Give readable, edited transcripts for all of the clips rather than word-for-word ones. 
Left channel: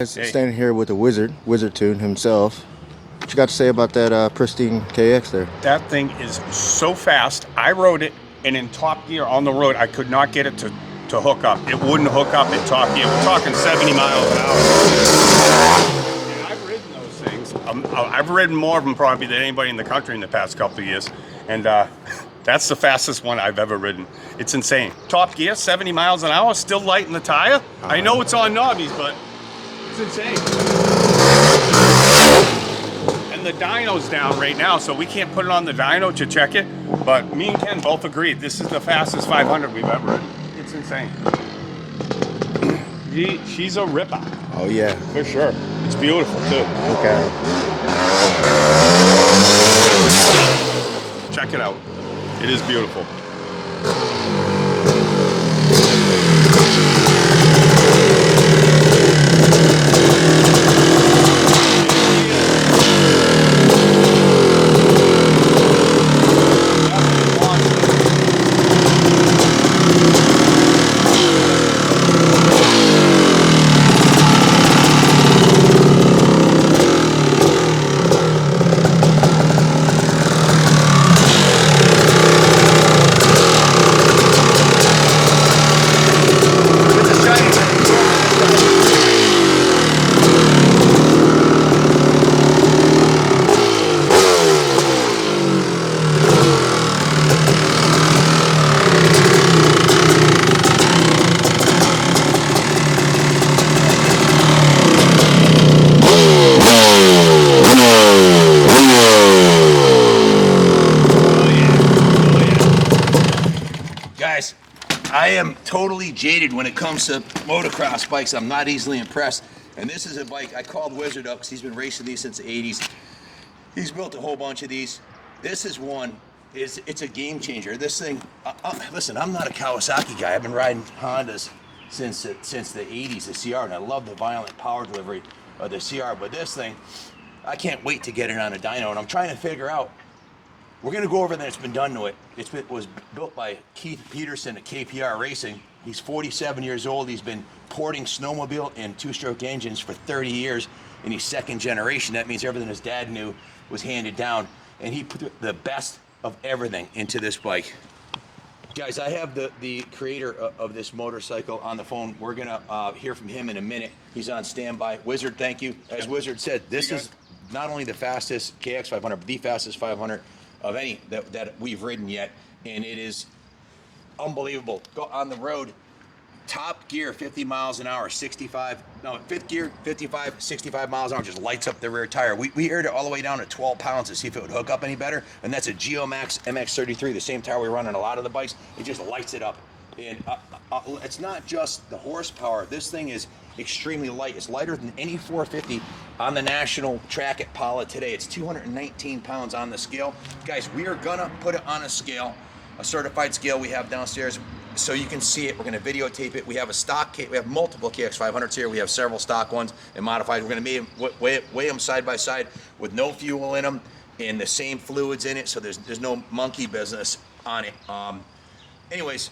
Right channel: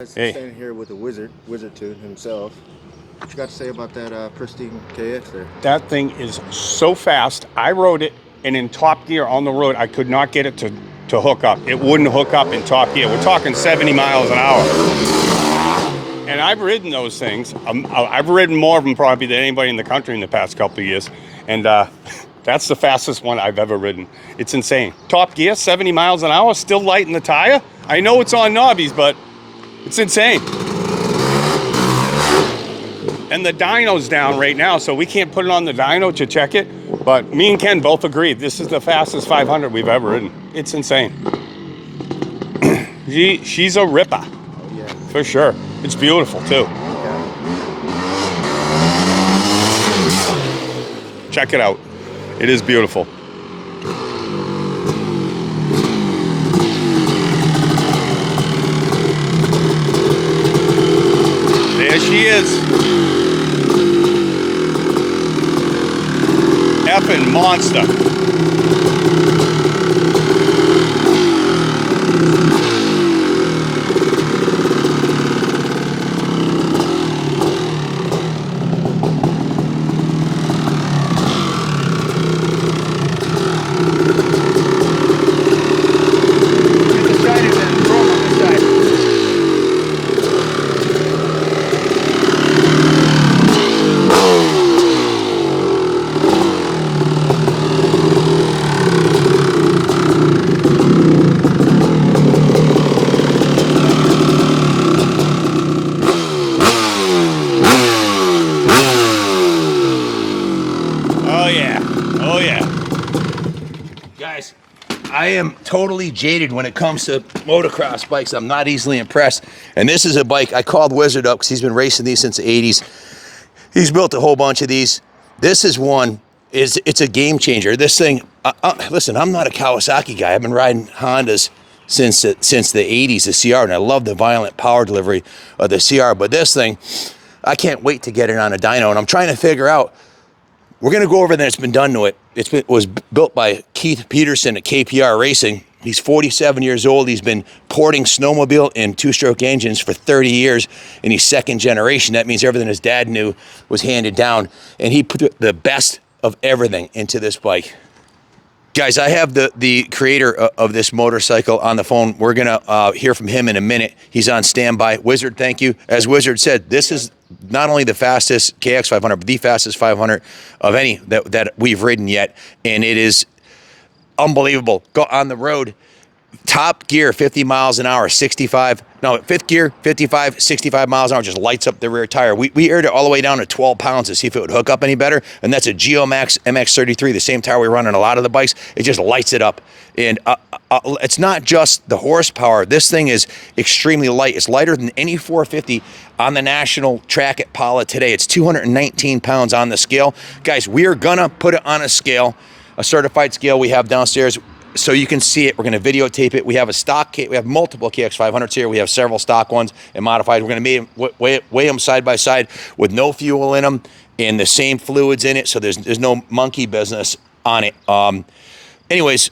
Hey. Standing here with the Wizard Tune himself. What you got to say about that pristine KX there? That thing is so fast. I rode it, and in top gear on the road, I could not get it to hook up. It wouldn't hook up in top gear. We're talking 70 miles an hour. And I've ridden those things. I've ridden more of them probably than anybody in the country in the past couple of years. And that's the fastest one I've ever ridden. It's insane. Top gear, 70 miles an hour, still light in the tire. I know it's on knobbies, but it's insane. And the dyno's down right now, so we can't put it on the dyno to check it. But me and Ken both agreed this is the fastest 500 we've ever ridden. It's insane. She's a ripper. Oh yeah, for sure. It's beautiful too. Okay. Check it out. It is beautiful. Monster. Guys, I am totally jaded when it comes to motocross bikes. I'm not easily impressed. And this is a bike, I called Wizard up because he's been racing these since the 80s. He's built a whole bunch of these. This is one, it's a game changer. This thing, listen, I'm not a Kawasaki guy. I've been riding Hondas since the 80s, the CR, and I love the violent power delivery of the CR. But this thing, I can't wait to get it on a dyno. And I'm trying to figure out, we're gonna go over that it's been done to it. It was built by Keith Peterson at KPR Racing. He's 47 years old. He's been porting snowmobile and two-stroke engines for 30 years, and he's second generation. That means everything his dad knew was handed down, and he put the best of everything into this bike. Guys, I have the creator of this motorcycle on the phone. We're gonna hear from him in a minute. He's on standby. Wizard, thank you. As Wizard said, this is not only the fastest KX500, but the fastest 500 of any that we've ridden yet. And it is unbelievable. Go on the road, top gear, 50 miles an hour, 65. No, fifth gear, 55, 65 miles an hour, just lights up the rear tire. We aired it all the way down to 12 pounds to see if it would hook up any better. And that's a Geomax MX33, the same tire we run on a lot of the bikes. It just lights it up. And it's not just the horsepower. This thing is extremely light. It's lighter than any 450 on the national track at Pala today. It's 219 pounds on the scale. Guys, we are gonna put it on a scale, a certified scale we have downstairs, so you can see it. We're gonna videotape it. We have a stock, we have multiple KX500s here. We have several stock ones and modified. We're gonna weigh them side by side with no fuel in them and the same fluids in it, so there's no monkey business on it. Anyways,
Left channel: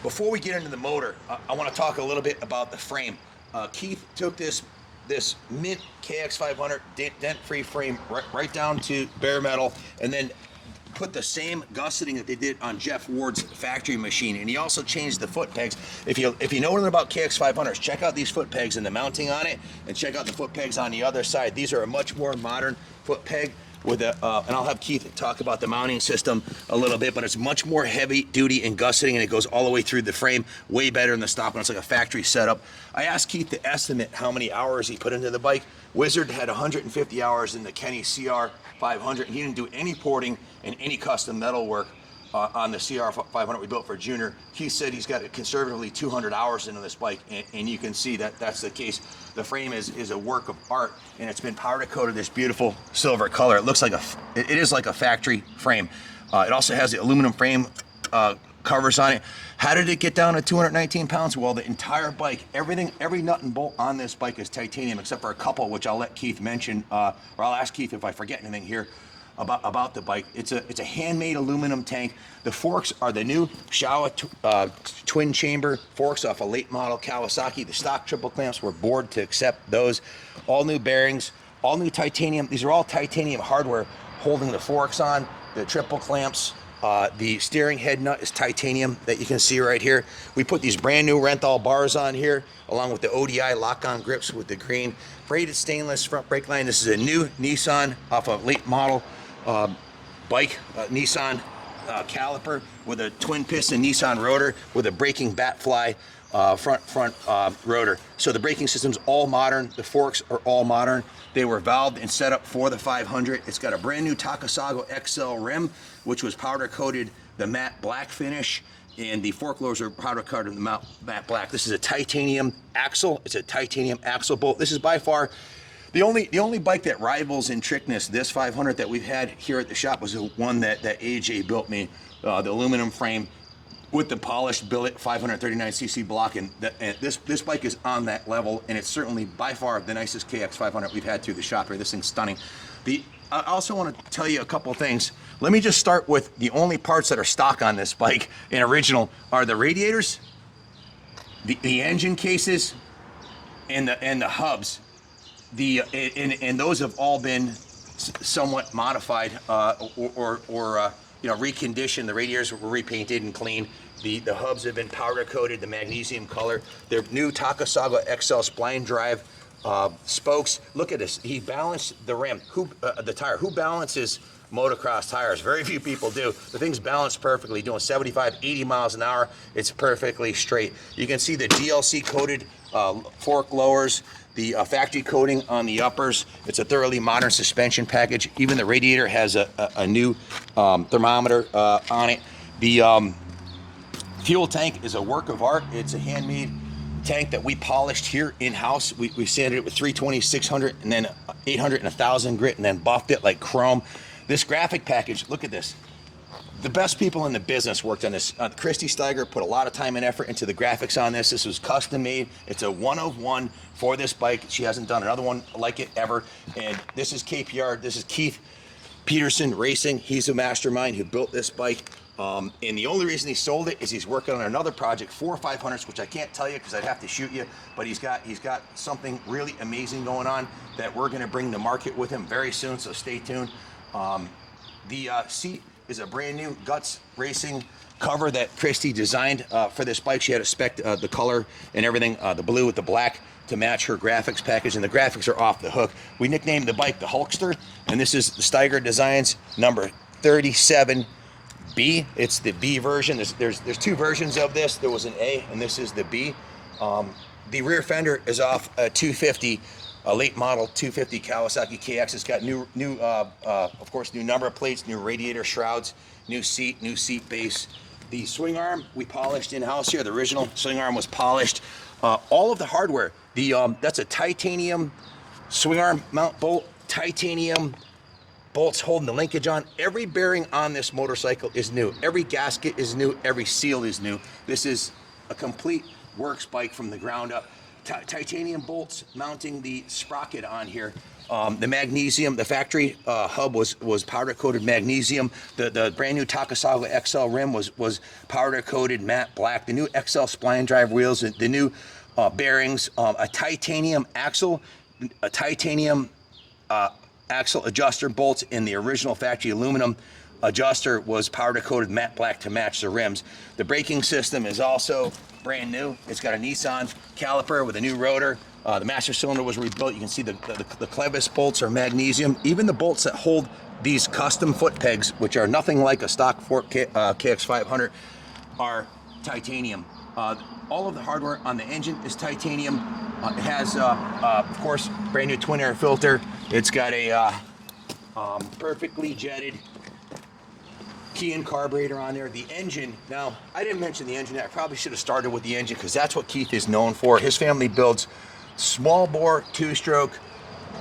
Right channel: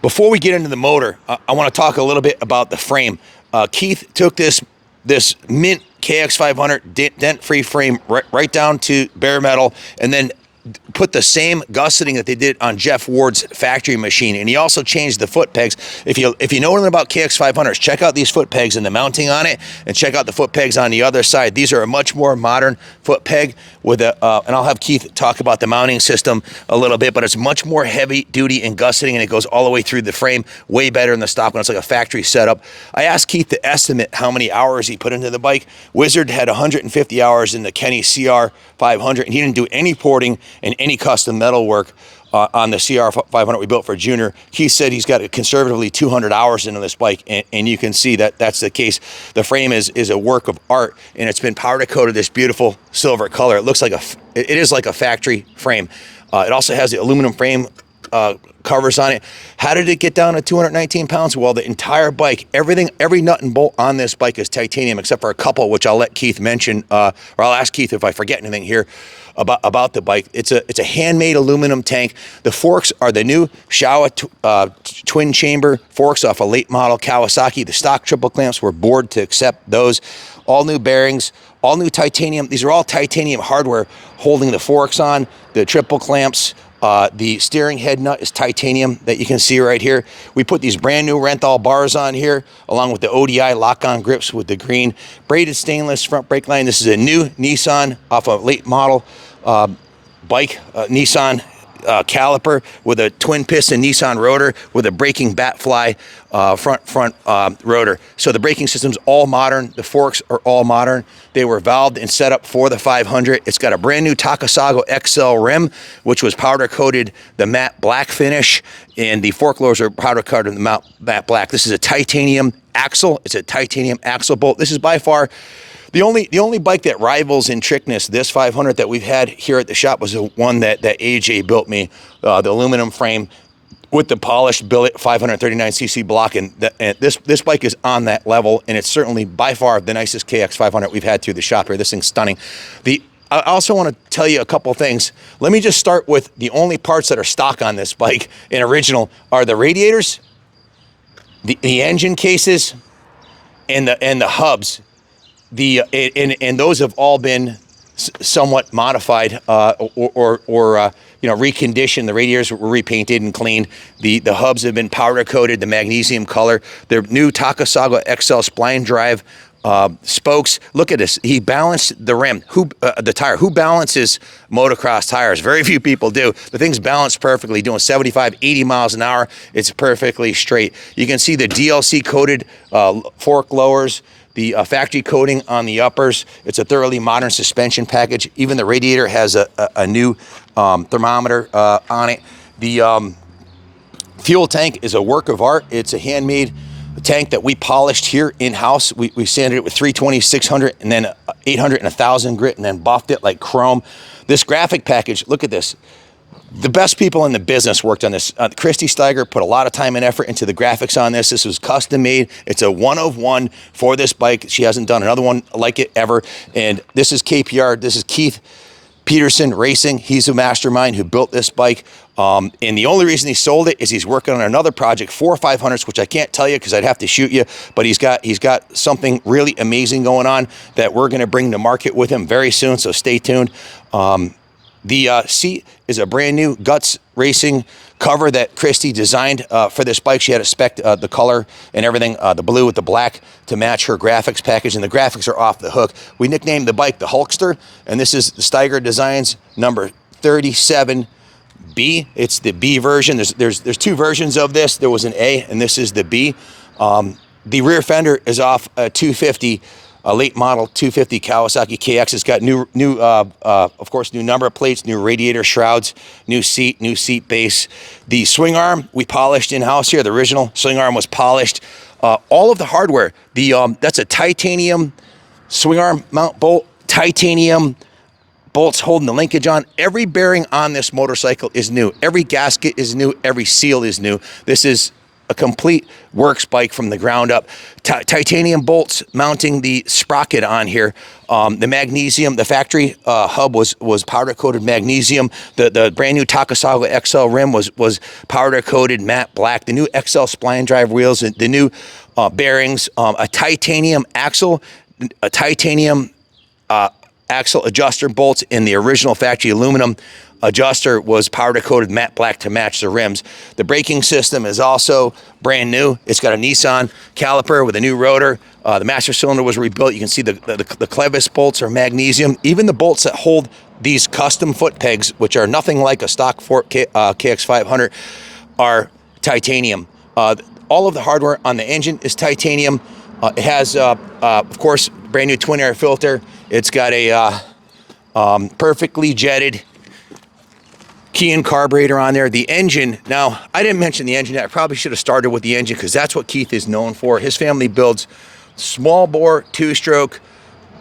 before we get into the motor, I wanna talk a little bit about the frame. Keith took this mint KX500 dent-free frame right down to bare metal, and then put the same gusseting that they did on Jeff Ward's factory machine. And he also changed the foot pegs. If you know anything about KX500s, check out these foot pegs and the mounting on it, and check out the foot pegs on the other side. These are a much more modern foot peg with a, and I'll have Keith talk about the mounting system a little bit, but it's much more heavy duty and gusseting, and it goes all the way through the frame, way better than the stock one. It's like a factory setup. I asked Keith to estimate how many hours he put into the bike. Wizard had 150 hours in the Kenny CR500, and he didn't do any porting and any custom metal work on the CR500 we built for Junior. He said he's got conservatively 200 hours into this bike, and you can see that that's the case. The frame is a work of art, and it's been powder coated this beautiful silver color. It looks like it is like a factory frame. It also has the aluminum frame covers on it. How did it get down to 219 pounds? Well, the entire bike, everything, every nut and bolt on this bike is titanium, except for a couple, which I'll let Keith mention, or I'll ask Keith if I forget anything here about the bike. It's a handmade aluminum tank. The forks are the new Showa twin chamber forks off a late model Kawasaki. The stock triple clamps were bored to accept those. All new bearings, all new titanium. These are all titanium hardware holding the forks on, the triple clamps. The steering head nut is titanium that you can see right here. We put these brand new Renthal bars on here, along with the ODI lock-on grips with the green braided stainless front brake line. This is a new Nissan off a late model bike, Nissan caliper with a twin piston Nissan rotor with a braking Batfly front rotor. So the braking system's all modern. The forks are all modern. They were valved and set up for the 500. It's got a brand new Takasago XL rim, which was powder coated the matte black finish, and the fork lowers are powder coated the matte black. This is a titanium axle. It's a titanium axle bolt. This is by far the only bike that rivals in trickness this 500 that we've had here at the shop was the one that AJ built me, the aluminum frame with the polished billet 539cc block, and this bike is on that level, and it's certainly by far the nicest KX500 we've had through the shop here. This thing's stunning. I also want to tell you a couple things. Let me just start with the only parts that are stock on this bike and original are the radiators, the engine cases, and the hubs. And those have all been somewhat modified or reconditioned. The radiators were repainted and cleaned. The hubs have been powder coated, the magnesium color. The new Takasago XL spline drive spokes. Look at this. He balanced the rim. The tire. Who balances motocross tires? Very few people do. The thing's balanced perfectly, doing 75, 80 miles an hour. It's perfectly straight. You can see the DLC coated fork lowers. The factory coating on the uppers. It's a thoroughly modern suspension package. Even the radiator has a new thermometer on it. The fuel tank is a work of art. It's a handmade tank that we polished here in-house. We sanded it with 320, 600, and then 800 and 1,000 grit, and then buffed it like chrome. This graphic package, look at this. The best people in the business worked on this. Christy Steiger put a lot of time and effort into the graphics on this. This was custom made. It's a one of one for this bike. She hasn't done another one like it ever. And this is KPR. This is Keith Peterson Racing. He's a mastermind who built this bike. And the only reason he sold it is he's working on another project for 500s, which I can't tell you because I'd have to shoot you. But he's got something really amazing going on that we're going to bring to market with him very soon. So stay tuned. The seat is a brand new Guts Racing cover that Christy designed for this bike. She had to spec the color and everything, the blue with the black to match her graphics package, and the graphics are off the hook. We nicknamed the bike the Hulkster, and this is the Steiger Designs number 37B. It's the B version. There's two versions of this. There was an A, and this is the B. The rear fender is off a 250. A late model 250 Kawasaki KX. It's got of course, new number plates, new radiator shrouds, new seat base. The swing arm we polished in-house here. The original swing arm was polished. All of the hardware. That's a titanium swing arm mount bolt, titanium bolts holding the linkage on. Every bearing on this motorcycle is new. Every gasket is new. Every seal is new. This is a complete works bike from the ground up. Titanium bolts mounting the sprocket on here. The magnesium, the factory hub was powder coated magnesium. The brand new Takasago XL rim was powder coated matte black. The new XL spline drive wheels, the new bearings, a titanium axle, axle adjuster bolts in the original factory aluminum adjuster was powder coated matte black to match the rims. The braking system is also brand new. It's got a Nissan caliper with a new rotor. The master cylinder was rebuilt. You can see the clevis bolts are magnesium. Even the bolts that hold these custom foot pegs, which are nothing like a stock KX500, are titanium. All of the hardware on the engine is titanium. It has, of course, brand new twin air filter. It's got a perfectly jetted key and carburetor on there. The engine, now I didn't mention the engine. I probably should have started with the engine because that's what Keith is known for. His family builds small bore, two-stroke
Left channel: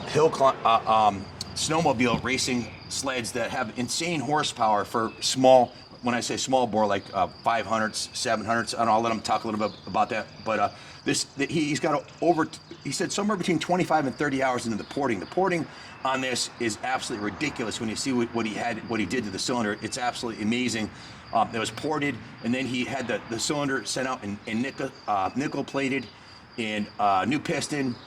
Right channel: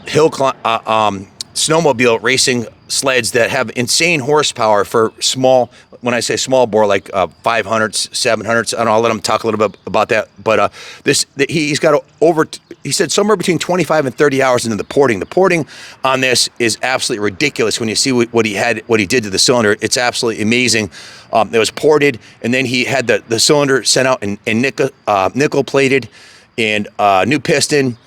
hill snowmobile racing sleds that have insane horsepower for small, when I say small bore, like 500s, 700s, and I'll let him talk a little bit about that. But he's got he said somewhere between 25 and 30 hours into the porting. The porting on this is absolutely ridiculous when you see what he did to the cylinder. It's absolutely amazing. It was ported, and then he had the cylinder sent out and nickel plated, and new piston.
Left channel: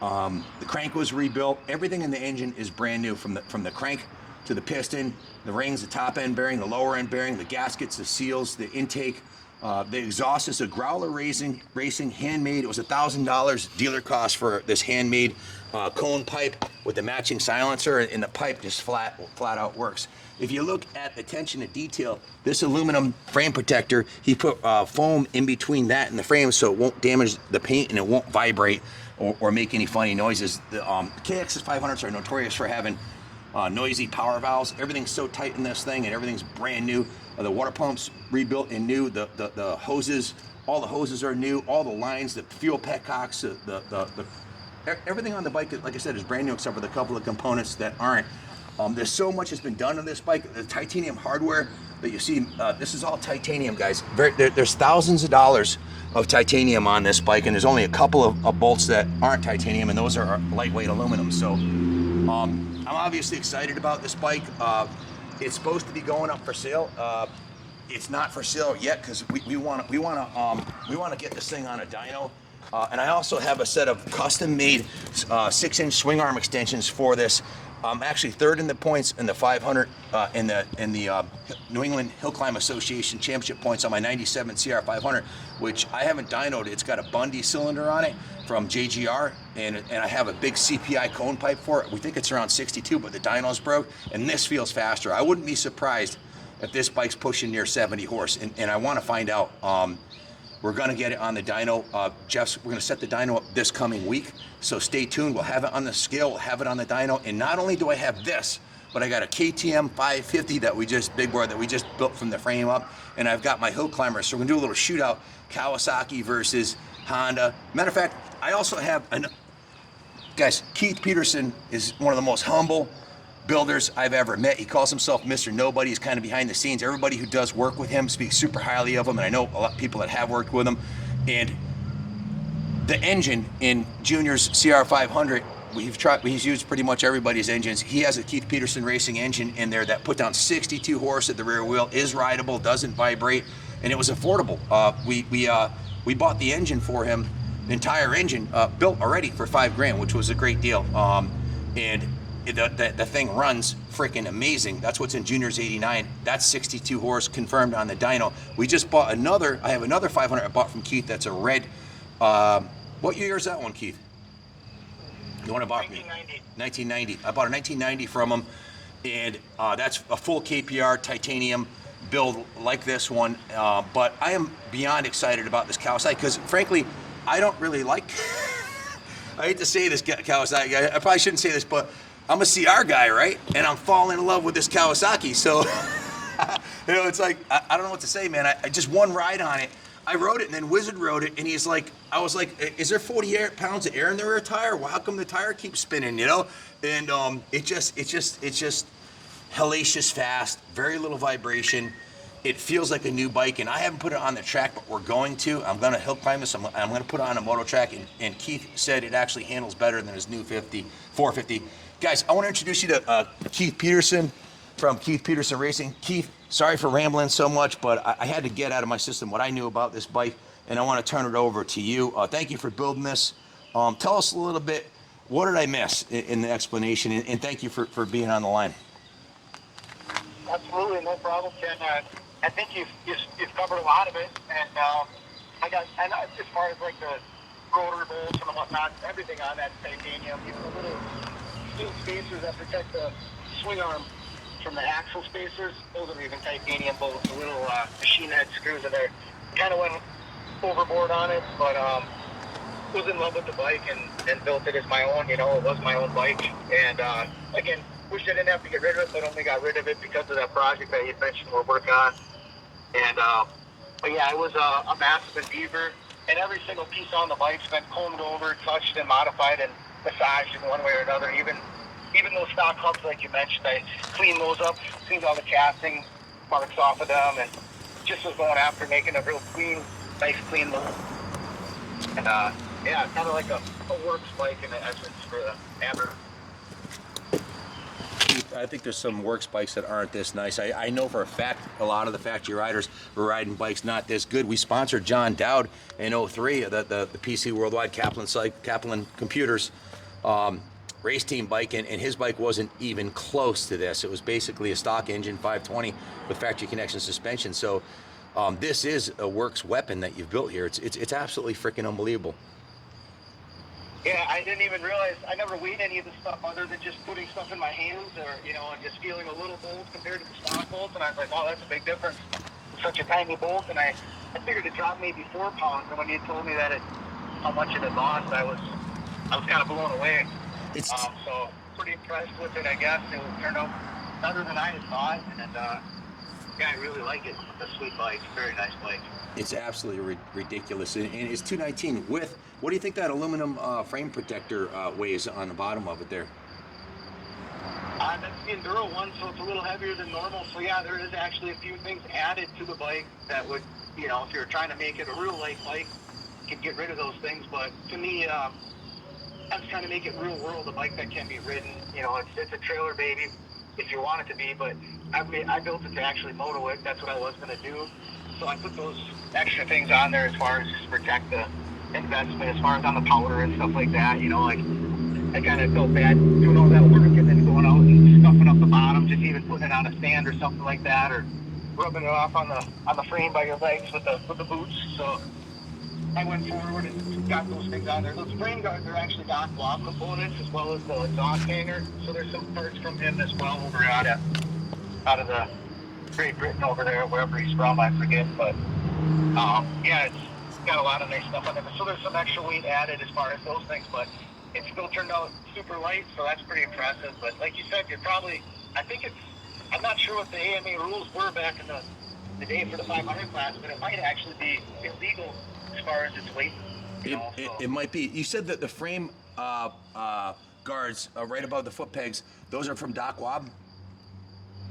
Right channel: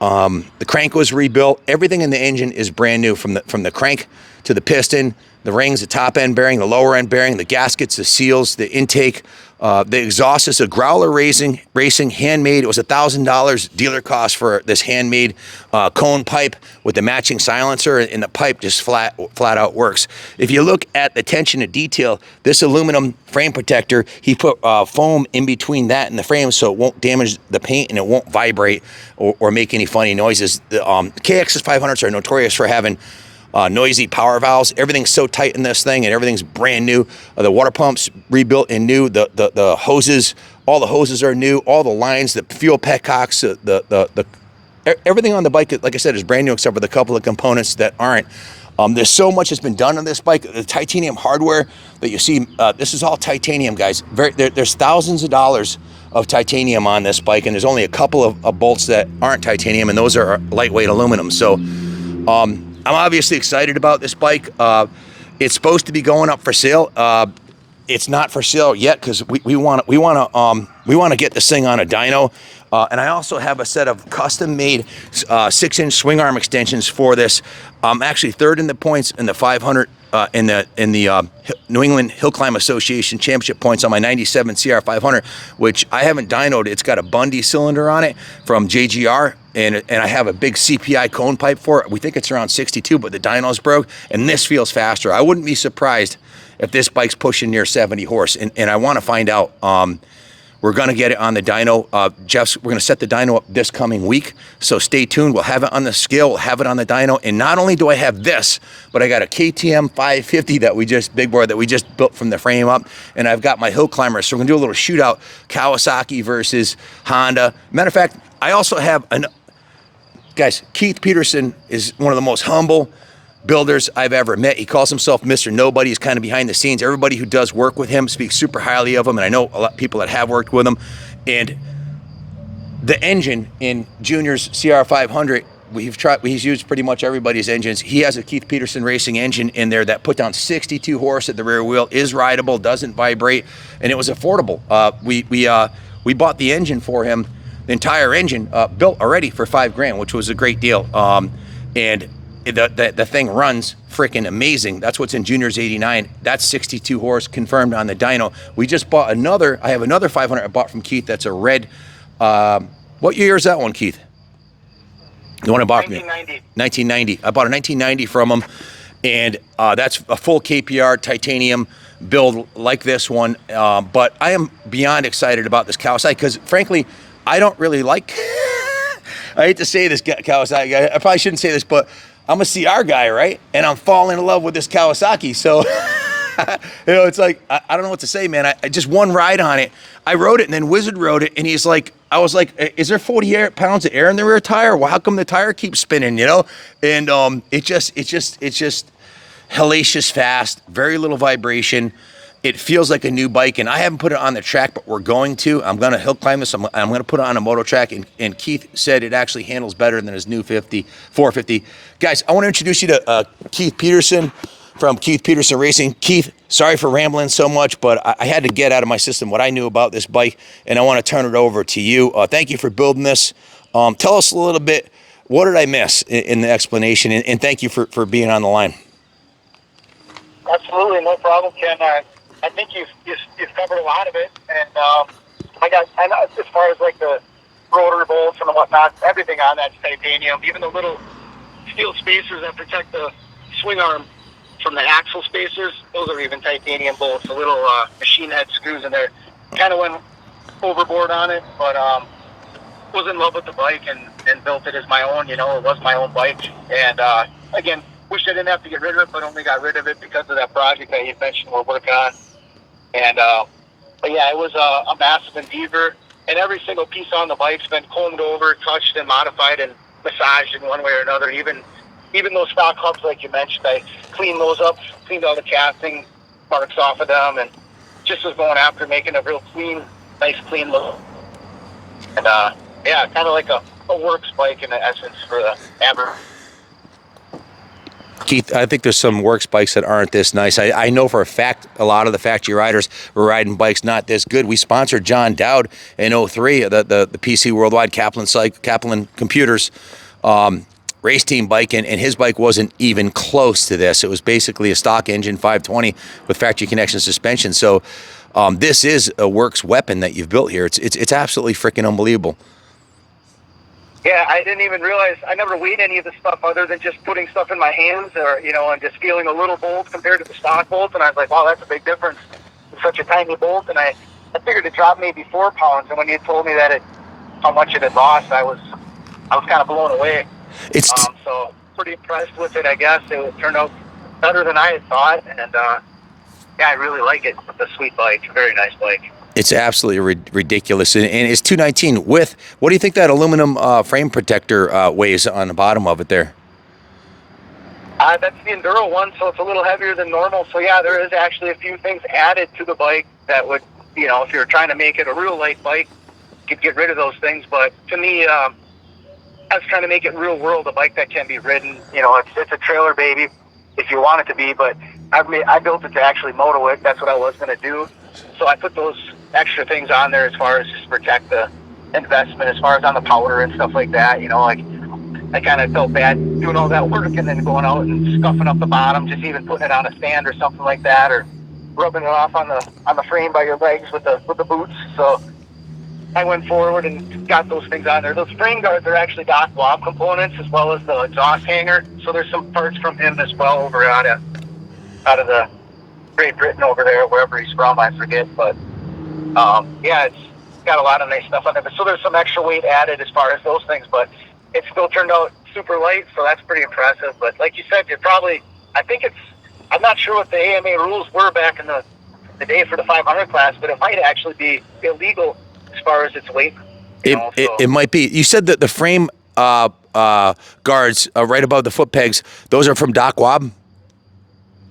The crank was rebuilt. Everything in the engine is brand new, from the crank to the piston, the rings, the top end bearing, the lower end bearing, the gaskets, the seals, the intake, the exhaust is a Growler Racing handmade. It was $1,000 dealer cost for this handmade cone pipe with the matching silencer, and the pipe just flat out works. If you look at the attention to detail, this aluminum frame protector, he put foam in between that and the frame so it won't damage the paint and it won't vibrate or make any funny noises. The KX500s are notorious for having noisy power valves. Everything's so tight in this thing, and everything's brand new. The water pumps rebuilt and new. The hoses, all the hoses are new. All the lines, the fuel petcocks, everything on the bike, like I said, is brand new except for the couple of components that aren't. There's so much that's been done on this bike. The titanium hardware that you see, this is all titanium, guys. There's thousands of dollars of titanium on this bike, and there's only a couple of bolts that aren't titanium, and those are lightweight aluminum. So I'm obviously excited about this bike. It's supposed to be going up for sale. It's not for sale yet because we want to get this thing on a dyno. And I also have a set of custom-made 6-inch swing arm extensions for this. I'm actually third in the points in the 500 in the New England Hill Climb Association Championship points on my 97 CR500, which I haven't dynoed. It's got a Bundy cylinder on it from JGR, and I have a big CPI cone pipe for it. We think it's around 62, but the dyno's broke, and this feels faster. I wouldn't be surprised if this bike's pushing near 70 horse, and I want to find out. We're going to get it on the dyno. We're going to set the dyno up this coming week, so stay tuned. We'll have it on the scale, we'll have it on the dyno, and not only do I have this, but I got a KTM 550 big board that we just built from the frame up, and I've got my hill climbers, so we're going to do a little shootout, Kawasaki versus Honda. Matter of fact, I also have, guys, Keith Peterson is one of the most humble builders I've ever met. He calls himself Mr. Nobody. He's kind of behind the scenes. Everybody who does work with him speaks super highly of him, and I know a lot of people that have worked with him. And the engine in Junior's CR500, he's used pretty much everybody's engines. He has a Keith Peterson Racing engine in there that put down 62 horse at the rear wheel, is rideable, doesn't vibrate, and it was affordable. We bought the engine for him, the entire engine built already for $5,000, which was a great deal. And the thing runs freaking amazing. That's what's in Junior's 89. That's 62 horse confirmed on the dyno. We just bought I have another 500 I bought from Keith. That's a red. What year is that one, Keith? The one I bought 1990. 1990. I bought a 1990 from him, and that's a full KPR titanium build like this one. But I am beyond excited about this Kawasaki because, frankly, I don't really like. I hate to say this, Kawasaki. I probably shouldn't say this, but I'm a CR guy, right? And I'm falling in love with this Kawasaki. So, it's like, I don't know what to say, man. I just one ride on it. I rode it, and then Wizard rode it, and I was like, is there 40 pounds of air in the rear tire? Well, how come the tire keeps spinning, you know? And it's just hellacious fast, very little vibration. It feels like a new bike, and I haven't put it on the track, but we're going to. I'm going to hill climb this. I'm going to put it on a moto track, and Keith said it actually handles better than his new 450. Guys, I want to introduce you to Keith Peterson from Keith Peterson Racing. Keith, sorry for rambling so much, but I had to get out of my system what I knew about this bike, and I want to turn it over to you. Thank you for building this. Tell us a little bit, what did I miss in the explanation, and thank you for being on the line. Absolutely, no problem, Ken. I think you've covered a lot of it, and as far as like the rotor bolts and whatnot, everything on that's titanium. Even the little steel spacers that protect the swing arm from the axle spacers, those are even titanium bolts. The little machine head screws in there. Kind of went overboard on it, but was in love with the bike and built it as my own. You know, it was my own bike, and again, wish I didn't have to get rid of it, but only got rid of it because of that project that you mentioned we're working on. And but yeah, it was a massive endeavor, and every single piece on the bike's been combed over, touched, and modified and massaged in one way or another. Even even those stock hubs, like you mentioned, I cleaned those up, cleaned all the casting marks off of them, and just was going after making a real clean, nice clean look. And yeah, kind of like a works bike in essence for the average. Keith, I think there's some works bikes that aren't this nice. I know for a fact a lot of the factory riders were riding bikes not this good. We sponsored John Dowd in 03, the PC Worldwide Kaplan Computers race team bike, and his bike wasn't even close to this. It was basically a stock engine 520 with factory connection suspension. So this is a works weapon that you've built here. It's absolutely freaking unbelievable. Yeah, I didn't even realize, I never weighed any of the stuff other than just putting stuff in my hands or, you know, and just feeling a little bolt compared to the stock bolts. And I was like, wow, that's a big difference. It's such a tiny bolt. And I figured it dropped maybe 4 pounds. And when you told me that how much it had lost, I was kind of blown away. So pretty impressed with it, I guess. It turned out better than I had thought. And yeah, I really like it. It's a sweet bike. Very nice bike. It's absolutely ridiculous, and it's 219 with, what do you think that aluminum frame protector weighs on the bottom of it there? That's the Enduro one, so it's a little heavier than normal. So yeah, there is actually a few things added to the bike that would, you know, if you're trying to make it a real light bike, you could get rid of those things. But to me, I was trying to make it real world, a bike that can be ridden. You know, it's a trailer baby if you want it to be, but I built it to actually moto it. That's what I was going to do. So I put those extra things on there as far as just protect the investment, as far as on the powder and stuff like that. You know, like I kind of felt bad doing all that work and then going out and scuffing up the bottom, just even putting it on a stand or something like that, or rubbing it off on the frame by your legs with the boots. So I went forward and got those things on there. Those frame guards are actually Doc Wob components as well as the exhaust hanger. So there's some parts from him as well over out of the Great Britain over there, wherever he's from, I forget. But yeah, it's got a lot of nice stuff on there. So there's some extra weight added as far as those things, but it still turned out super light, so that's pretty impressive. But like you said, I'm not sure what the AMA rules were back in the day for the 500 class, but it might actually be illegal as far as its weight. It might be. You said that the frame guards right above the foot pegs, those are from Doc Wob?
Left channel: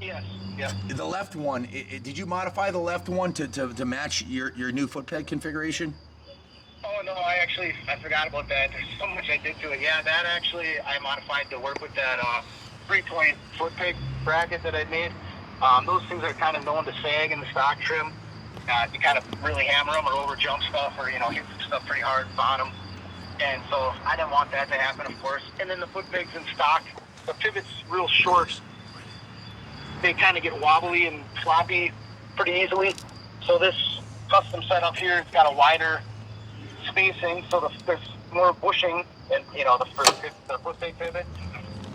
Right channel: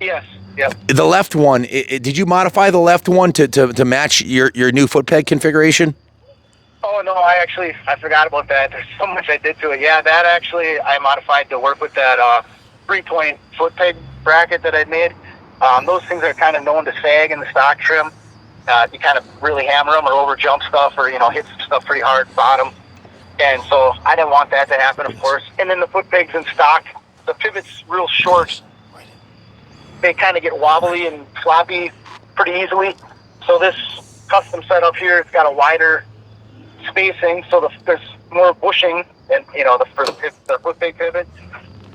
Yes. Yep. The left one, did you modify the left one to match your new foot peg configuration? Oh, no, I forgot about that. There's so much I did to it. Yeah, that actually I modified to work with that 3-point foot peg bracket that I made. Those things are kind of known to sag in the stock trim. You kind of really hammer them or over jump stuff or, you know, hit some stuff pretty hard bottom. And so I didn't want that to happen, of course. And then the foot pegs in stock, the pivot's real short. They kind of get wobbly and floppy pretty easily. So this custom setup here, it's got a wider spacing, so there's more bushing and, you know, the foot peg pivot.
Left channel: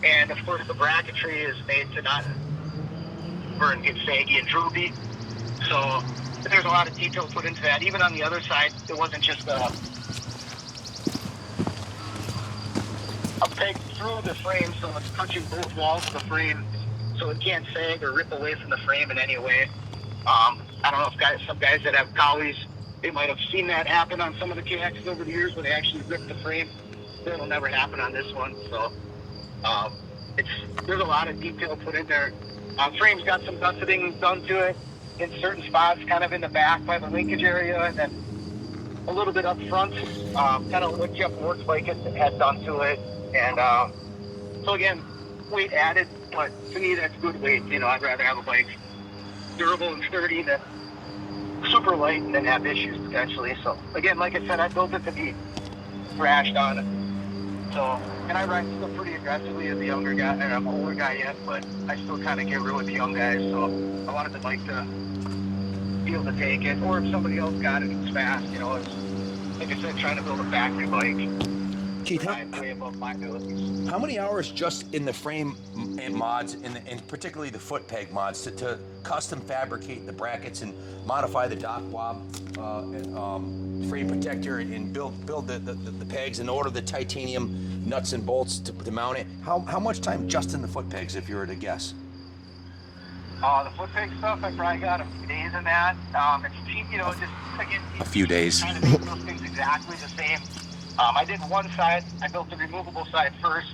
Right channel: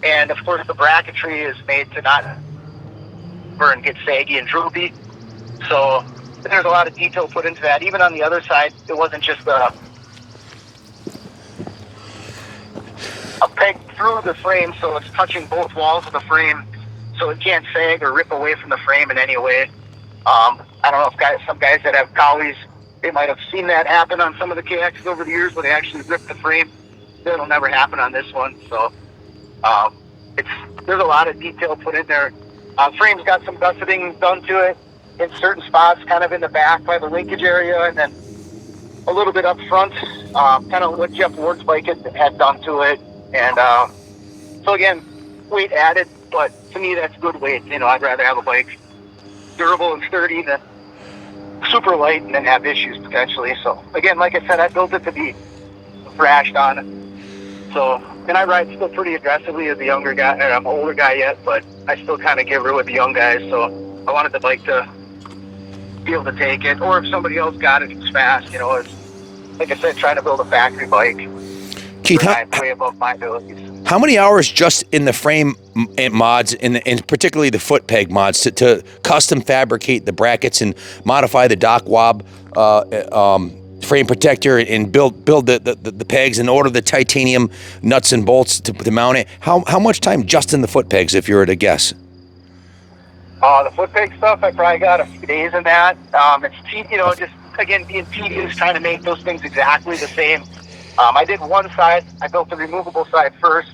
And of course the bracketry is made to not burn, get saggy and droopy. So there's a lot of detail put into that. Even on the other side, it wasn't just a peg through the frame, so it's touching both walls of the frame, so it can't sag or rip away from the frame in any way. I don't know if some guys that have Cowies, they might have seen that happen on some of the KXs over the years where they actually rip the frame. That'll never happen on this one. So there's a lot of detail put in there. Frame's got some gusseting done to it in certain spots, kind of in the back by the linkage area, and then a little bit up front, kind of what Jeff Ward's bike had done to it. And so again, weight added, but to me that's good weight. You know, I'd rather have a bike durable and sturdy than super light and then have issues potentially. So again, like I said, I built it to be thrashed on. So, and I ride still pretty aggressively as a younger guy, and I'm an older guy yet, but I still kind of get real with the young guys. So I wanted the bike to be able to take it, or if somebody else got it, it's fast. You know, it's like I said, trying to build a factory bike. Keith, way above my abilities. How many hours just in the frame mods, and particularly the foot peg mods, to custom fabricate the brackets and modify the Doc Wob frame protector and build the pegs and order the titanium nuts and bolts to mount it? How much time just in the foot pegs, if you were to guess? The foot peg stuff, I probably got a few days in that. It's, you know, just again being tedious, trying to make those things exactly the same. I did one side. I built the removable side first,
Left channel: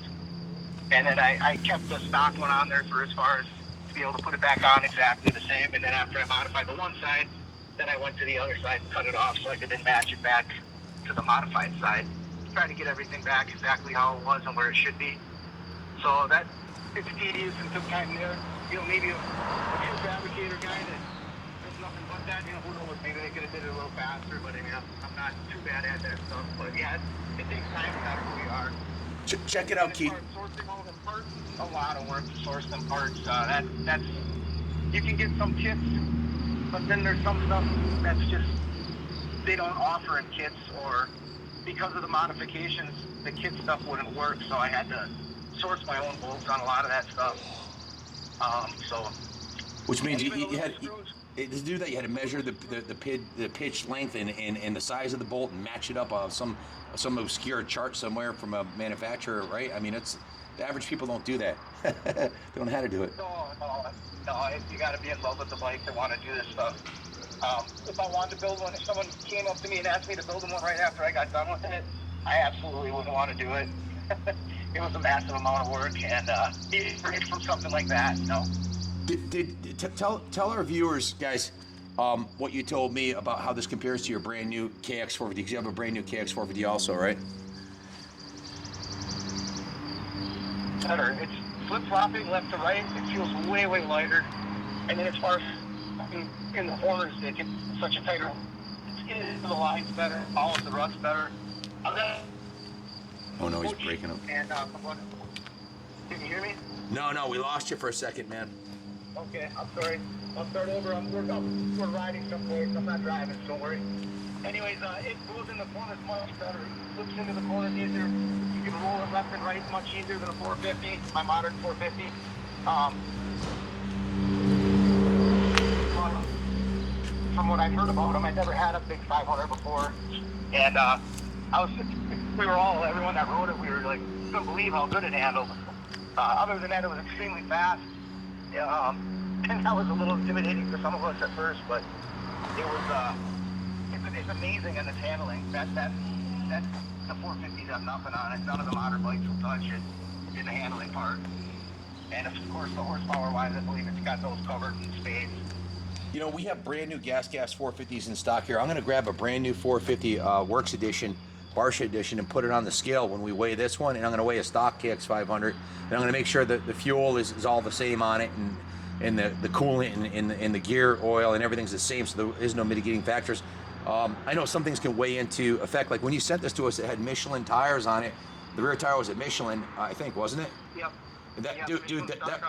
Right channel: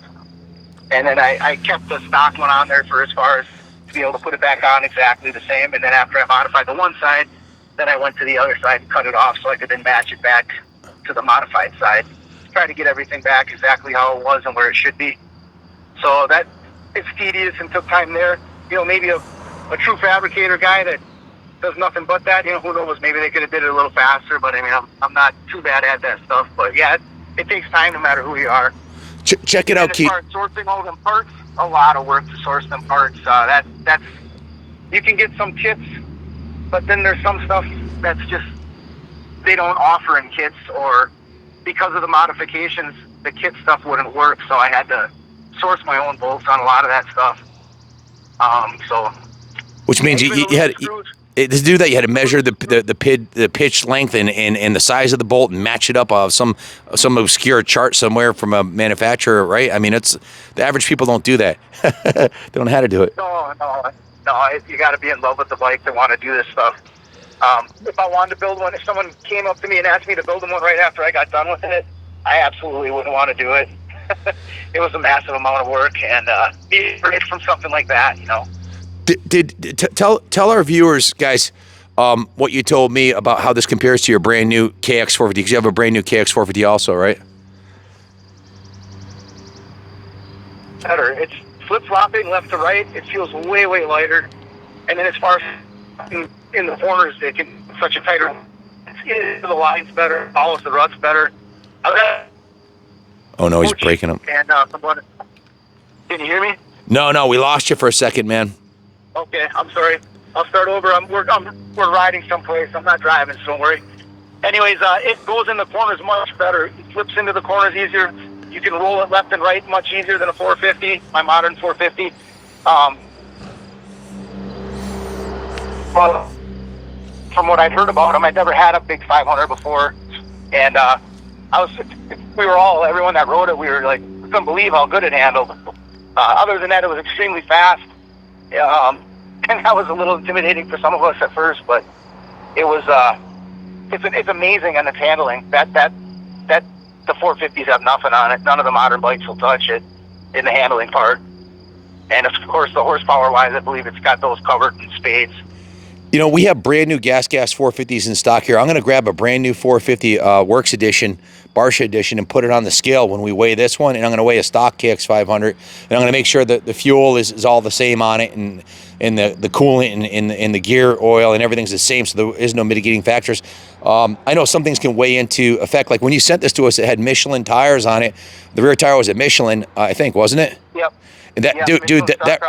And then I kept the stock one on there for as far as to be able to put it back on exactly the same. And then after I modified the one side, then I went to the other side and cut it off so I could then match it back to the modified side. Try to get everything back exactly how it was and where it should be. So that it's tedious and took time there. You know, maybe a true fabricator guy that does nothing but that, you know, who knows, maybe they could have did it a little faster, but I mean, I'm not too bad at that stuff. But yeah, it takes time no matter who you are. Check it out, Keith. As far as sourcing all them parts, a lot of work to source them parts. That's you can get some kits, but then there's some stuff that's just they don't offer in kits, or because of the modifications, the kit stuff wouldn't work. So I had to source my own bolts on a lot of that stuff. Which means you had to do that. You had to measure the pitch length and the size of the bolt and match it up of some obscure chart somewhere from a manufacturer, right? I mean, it's the average people don't do that. They don't know how to do it. No. You got to be in love with the bike to want to do this stuff. If I wanted to build one, if someone came up to me and asked me to build one right after I got done with it, I absolutely wouldn't want to do it. It was a massive amount of work, and be great from something like that, you know. Tell our viewers, guys, what you told me about how this compares to your brand new KX450, because you have a brand new KX450 also, right? Better. It's flip-flopping left to right. It feels way lighter. And then as far as in the corners, it can such a tighter. It's the lines better, follows the ruts better. Oh no, he's breaking up. And can you hear me? No, we lost you for a second, man. Okay, I'm sorry. I'll start over. We're riding someplace. I'm not driving, so don't worry. Anyways, it goes in the corners much better. It flips into the corners easier. You can roll it left and right much easier than a 450, my modern 450. Well, from what I'd heard about them, I'd never had a big 500 before, and everyone that rode it, we were like, couldn't believe how good it handled. Other than that, it was extremely fast. And that was a little intimidating for some of us at first, but it was it's amazing on its handling. That the 450s have nothing on it. None of the modern bikes will touch it in the handling part. And of course, the horsepower wise, I believe it's got those covered in spades. You know, we have brand new gas 450s in stock here. I'm going to grab a brand new 450 Works Edition, Barsha Edition, and put it on the scale when we weigh this one. And I'm going to weigh a stock KX500. And I'm going to make sure that the fuel is all the same on it, and the coolant and the gear oil and everything's the same, so there is no mitigating factors. I know some things can weigh into effect. Like when you sent this to us, it had Michelin tires on it. The rear tire was a Michelin, I think, wasn't it? Yep. And that, dude, that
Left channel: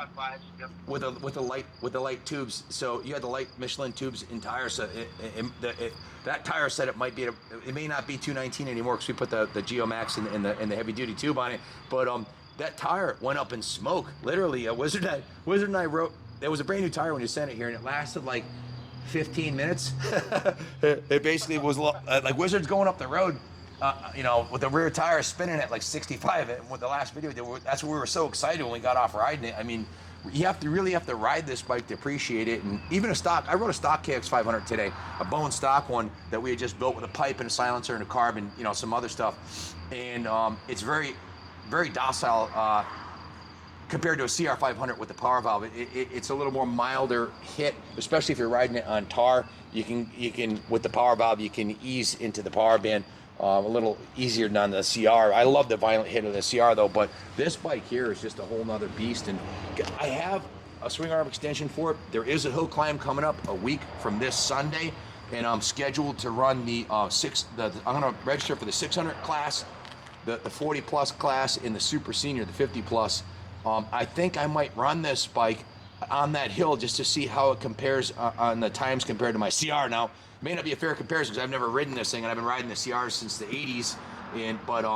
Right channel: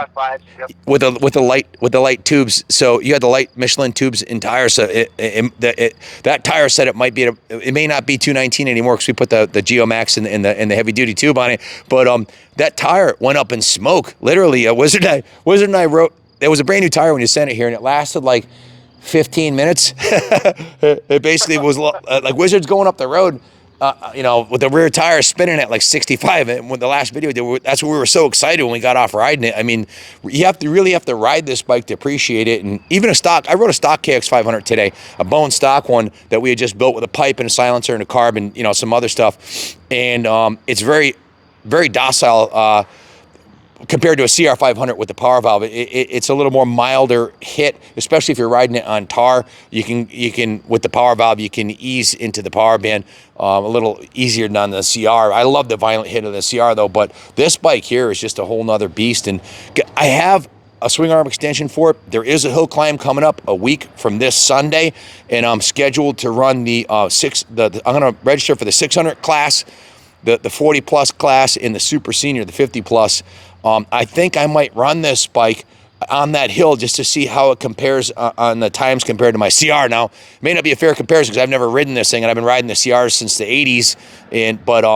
yep. with the light tubes. So you had the light Michelin tubes in tires. So that tire said it may not be 219 anymore because we put the Geomax and the heavy duty tube on it. But that tire went up in smoke. Literally, Wizard and I wrote. It was a brand new tire when you sent it here, and it lasted like 15 minutes. It basically was like Wizard's going up the road, with the rear tire spinning at like 65. And with the last video, that's what we were so excited when we got off riding it. I mean, you really have to ride this bike to appreciate it. And even I rode a stock KX500 today, a bone stock one that we had just built with a pipe and a silencer and a carb and some other stuff. And it's very, very docile. Compared to a CR500 with the power valve, it's a little more milder hit, especially if you're riding it on tar. You can with the power valve, you can ease into the power band a little easier than on the CR. I love the violent hit of the CR though, but this bike here is just a whole nother beast. And I have a swing arm extension for it. There is a hill climb coming up a week from this Sunday, and I'm scheduled to run I'm going to register for the 600 class, the 40 plus class, and the super senior, the 50 plus. I think I might run this bike on that hill just to see how it compares on the times compared to my CR. Now, it may not be a fair comparison because I've never ridden this thing, and I've been riding the CRs since the 80s. But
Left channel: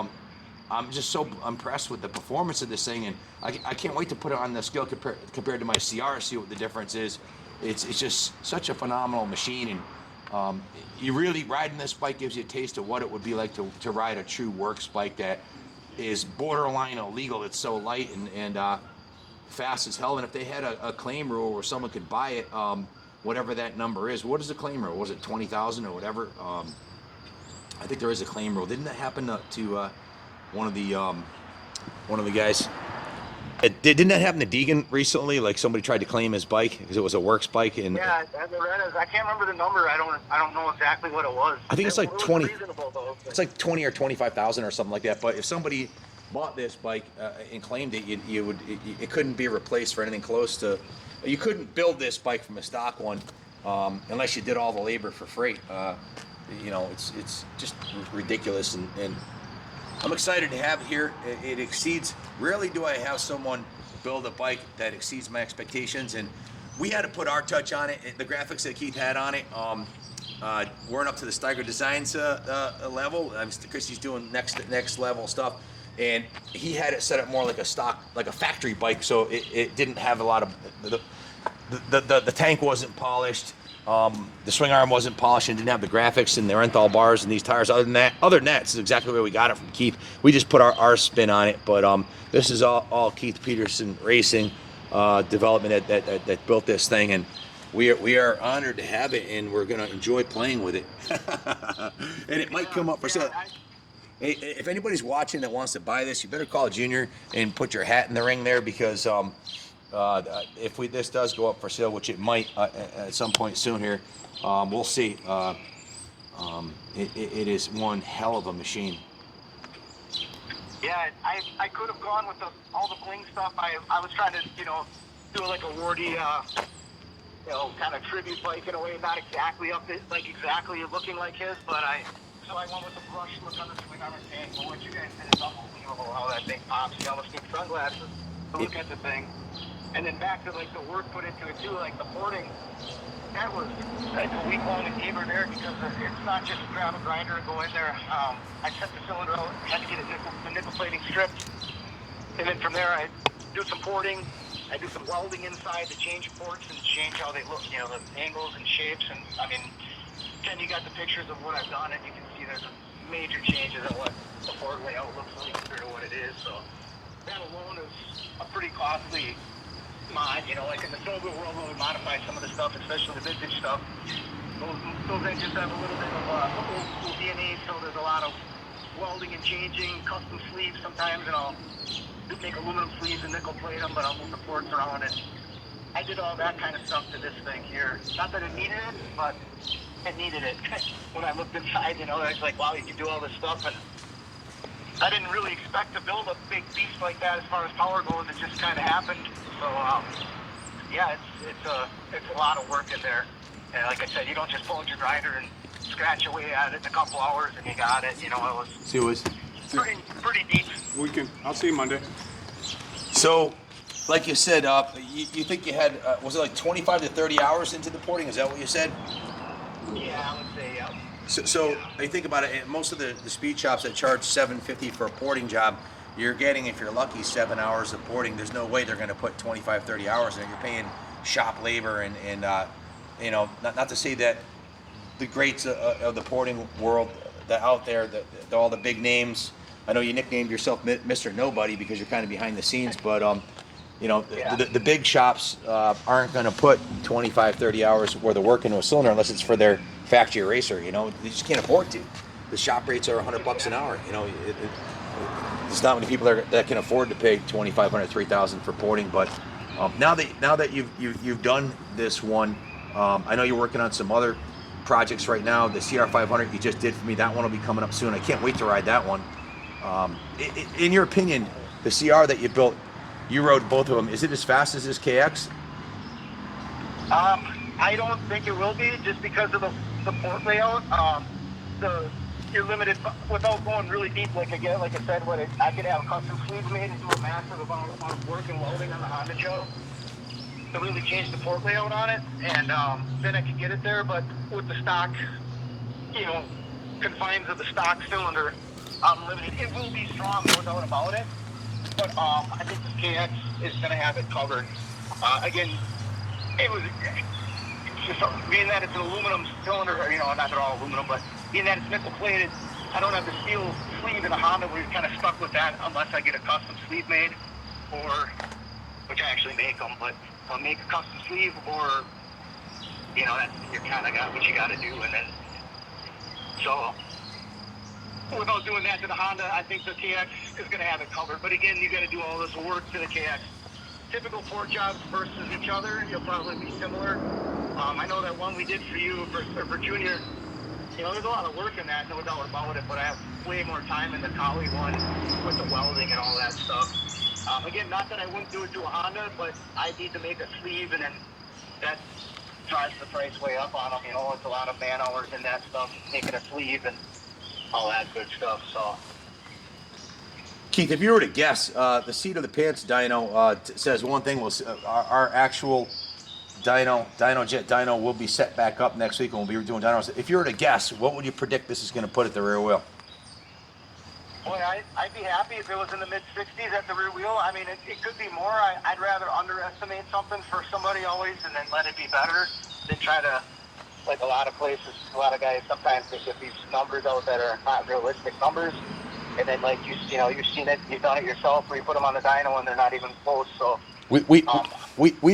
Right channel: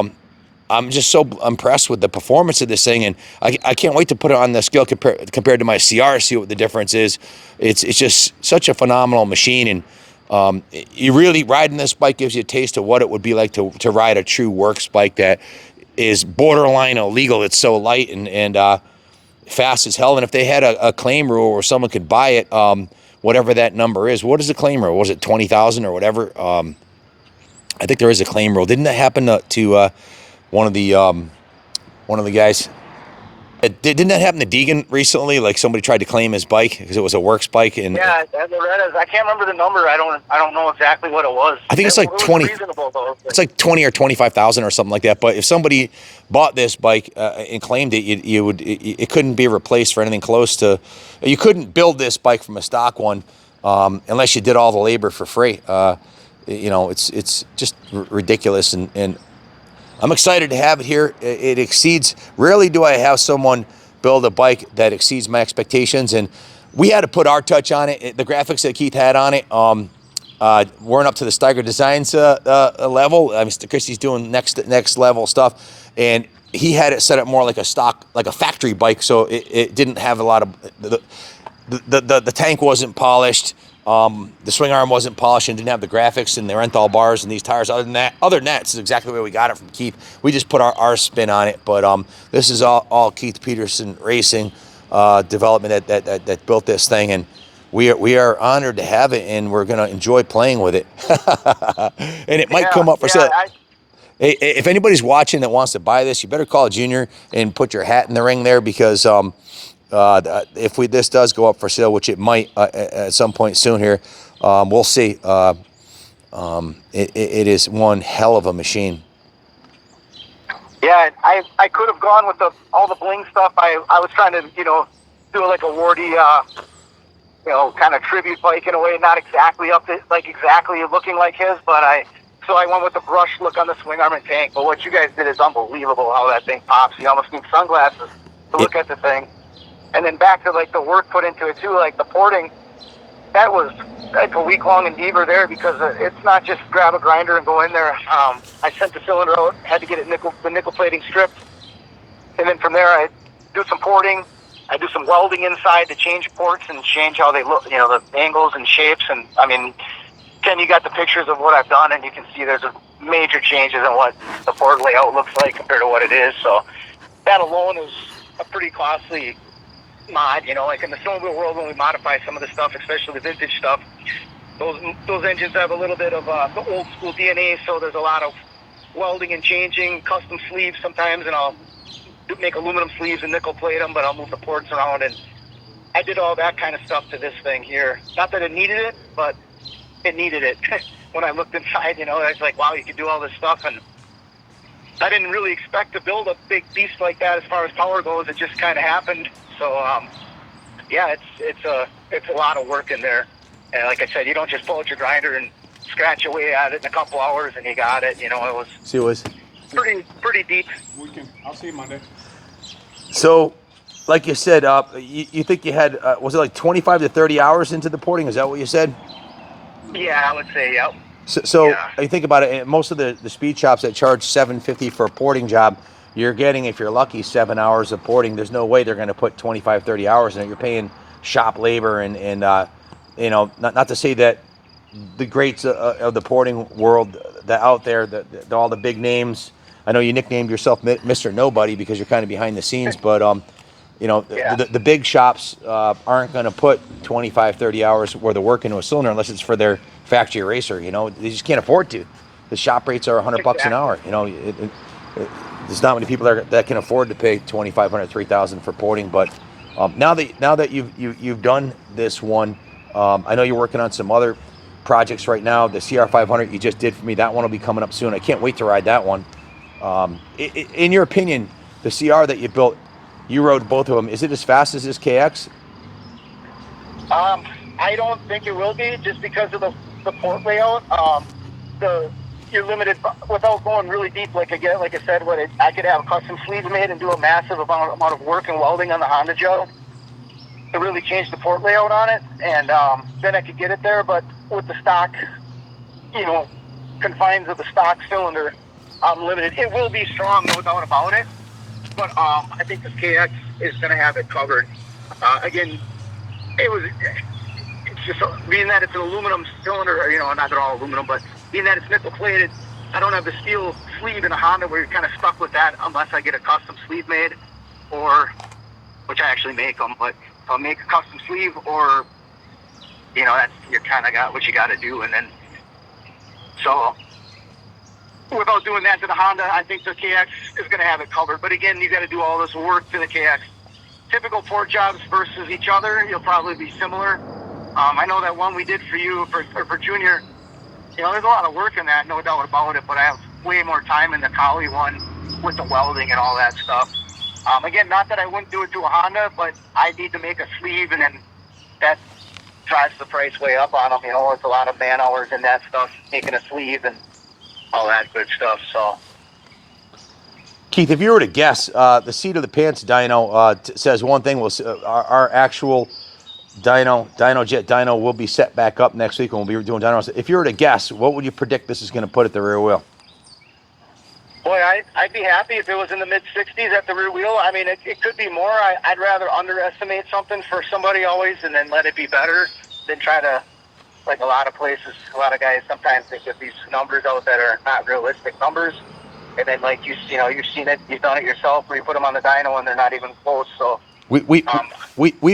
I'm just so impressed with the performance of this thing, and I can't wait to put it on the scale compared to my CR, see what the difference is. It's just such a phenomenal machine, and you really riding this bike gives you a taste of what it would be like to ride a true works bike that is borderline illegal. It's so light and fast as hell. And if they had a claim rule where someone could buy it, whatever that number is, what is the claim rule? Was it 20,000 or whatever? I think there is a claim rule. Didn't that happen to one of the guys? Didn't that happen to Deegan recently? Like somebody tried to claim his bike because it was a works bike, and Yeah, Loretta's. I can't remember the number. I don't know exactly what it was. I think it's like it was 20. reasonable, though. It's like 20 or 25,000 or something like that. But if somebody bought this bike and claimed it, it couldn't be replaced for anything close to. You couldn't build this bike from a stock one unless you did all the labor for free. It's just ridiculous, and I'm excited to have it here. It exceeds. Rarely do I have someone build a bike that exceeds my expectations, and we had to put our touch on it. The graphics that Keith had on it weren't up to the Steiger Designs level. I mean, Christie's doing next level stuff, and he had it set up more like a stock, like a factory bike, so it didn't have a lot of the tank wasn't polished. The swing arm wasn't polished and didn't have the graphics and the Renthal bars and these tires. Other than that, this is exactly where we got it from Keith. We just put our spin on it, but this is all Keith Peterson Racing development that built this thing, and we are honored to have it, and we're gonna enjoy playing with it. And it might come up for sale. Hey, if anybody's watching that wants to buy this, you better call Junior and put your hat in the ring there, because if this does go up for sale, which it might at some point soon here, we'll see. It is one hell of a machine. Yeah, I could have gone with all the bling stuff. I was trying to do like a Wardy kind of tribute bike in a way, not exactly exactly looking like his, but so I went with the brush look on the swing arm and tank. But what you guys did is unbelievable, how that thing pops. You almost need sunglasses to look at the thing. And then back to like the work put into it too, like the porting, that's a week-long endeavor there, because it's not just grab a grinder and go in there. I sent the cylinder out, had to get it the nickel plating stripped, and then from there I do some porting. I do some welding inside to change ports and change how they look, the angles and shapes. And I mean, Ken, you got the pictures of what I've done, and you can see there's a major changes in what the port layout looks like compared to what it is. So that alone is a pretty costly mod, like in the snowmobile world, when we modify some of the stuff, especially the vintage stuff, those engines have a little bit of the old school DNA, so there's a lot of welding and changing, custom sleeves sometimes, and I'll make aluminum sleeves and nickel plate them, but I'll move the ports around, and I did all that kind of stuff to this thing here. Not that it needed it, but it needed it. When I looked inside, I was like, wow, you can do all this stuff, and I didn't really expect to build a big beast like that as far as power goes. It just kind of happened. So, it's a lot of work in there. And like I said, you don't just pull out your grinder and scratch away at it in a couple hours and you got it. It was pretty deep. I'll see you Monday. So, like you said, you think you had, was it like 25 to 30 hours into the porting? Is that what you said? Yeah, I would say, yep. So yeah. You think about it, most of the speed shops that charge $750 for a porting job, you're getting, if you're lucky, 7 hours of porting. There's no way they're going to put 25, 30 hours in it. You're paying shop labor and not to say that the greats of the porting world that out there, all the big names. I know you nicknamed yourself Mr. Nobody because you're kind of behind the scenes, but the big shops aren't going to put 25, 30 hours worth of work into a cylinder unless it's for their factory racer. They just can't afford to. The shop rates are $100 an hour. There's not many people that can afford to pay $2,500, $3,000 for porting. But now that you've done this one, I know you're working on some other projects right now. The CR500 you just did for me, that one will be coming up soon. I can't wait to ride that one. In your opinion, the CR that you built, you rode both of them. Is it as fast as this KX? I don't think it will be, just because of the port layout. You're limited without going really deep. Like I said, I could have custom sleeves made and do a massive amount of work and welding on the Honda Joe to really change the port layout on it, and then I could get it there. But with the stock, confines of the stock cylinder, I'm limited. It will be strong, no doubt about it. But I think this KX is going to have it covered. Again, it's just being that it's an aluminum cylinder, not at all aluminum, but being that it's nickel plated, I don't have the steel sleeve in a Honda where you're kind of stuck with that unless I get a custom sleeve made, which I actually make them, but I'll make a custom sleeve, or that's, you kind of got what you got to do. And then so without doing that to the Honda, I think the KX is going to have it covered. But again, you got to do all this work to the KX typical torque jobs versus each other, you'll probably be similar. I know that one we did for you for Junior, you know, there's a lot of work in that, no doubt about it, but I have way more time in the Kali one with the welding and all that stuff. Again, not that I wouldn't do it to a Honda, but I need to make a sleeve, and then that drives the price way up on them. You know, it's a lot of man hours and that stuff, making a sleeve and all that good stuff. So, Keith, if you were to guess, the seat of the pants dyno says one thing. Our actual Jet dyno will be set back up next week, and we'll be doing dynos. If you were to guess, what would you predict this is going to put at the rear wheel? boy, I'd be happy if it was in the mid-60s at the rear wheel. I mean, it could be more. I'd rather underestimate something for somebody always and then let it be better than try to, like a lot of places, a lot of guys sometimes think of these numbers out that are not realistic numbers. And then, like, you've seen it, you've done it yourself, where you put them on the dyno and they're not even close. So we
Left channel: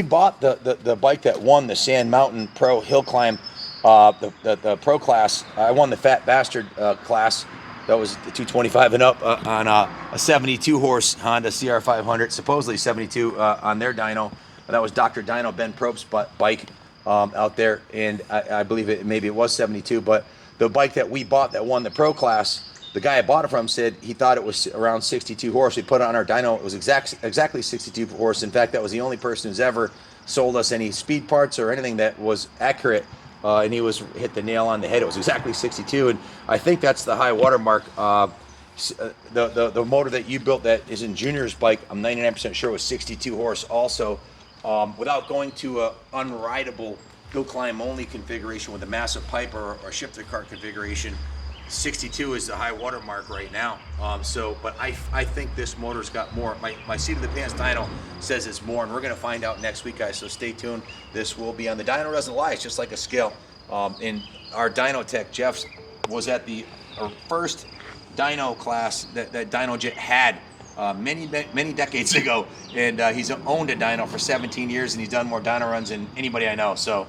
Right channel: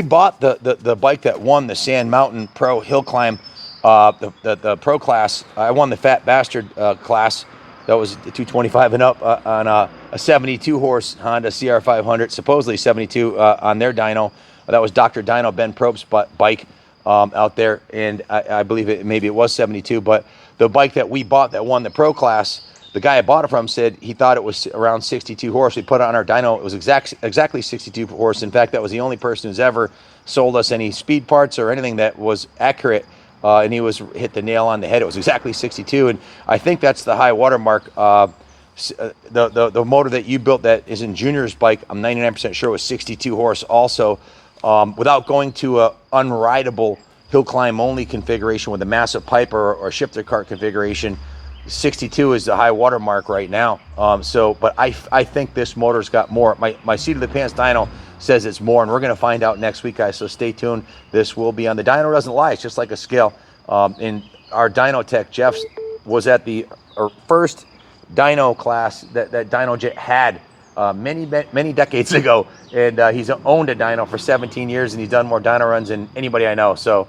bought the bike that won the Sand Mountain Pro Hill Climb, the Pro class. I won the Fat Bastard class. That was the 225 and up on a 72 horse Honda CR500, supposedly 72 on their dyno. That was Dr. Dyno Ben Probst's bike out there, and I believe maybe it was 72. But the bike that we bought that won the Pro class, the guy I bought it from said he thought it was around 62 horse. We put it on our dyno. It was exactly 62 horse. In fact, that was the only person who's ever sold us any speed parts or anything that was accurate. And he hit the nail on the head. It was exactly 62, and I think that's the high water mark. The motor that you built that is in Junior's bike, I'm 99% sure was 62 horse also. Without going to a unrideable hill climb only configuration with a massive pipe or shifter cart configuration, 62 is the high water mark right now. But I think this motor's got more. My seat of the pants dyno says it's more, and we're going to find out next week, guys, so stay tuned. This will be on the dyno. Doesn't lie, it's just like a scale. And our dyno tech, Jeff, was at the first dyno class that Dyno Jet had many decades ago, and he's owned a dyno for 17 years, and he's done more dyno runs than anybody I know. So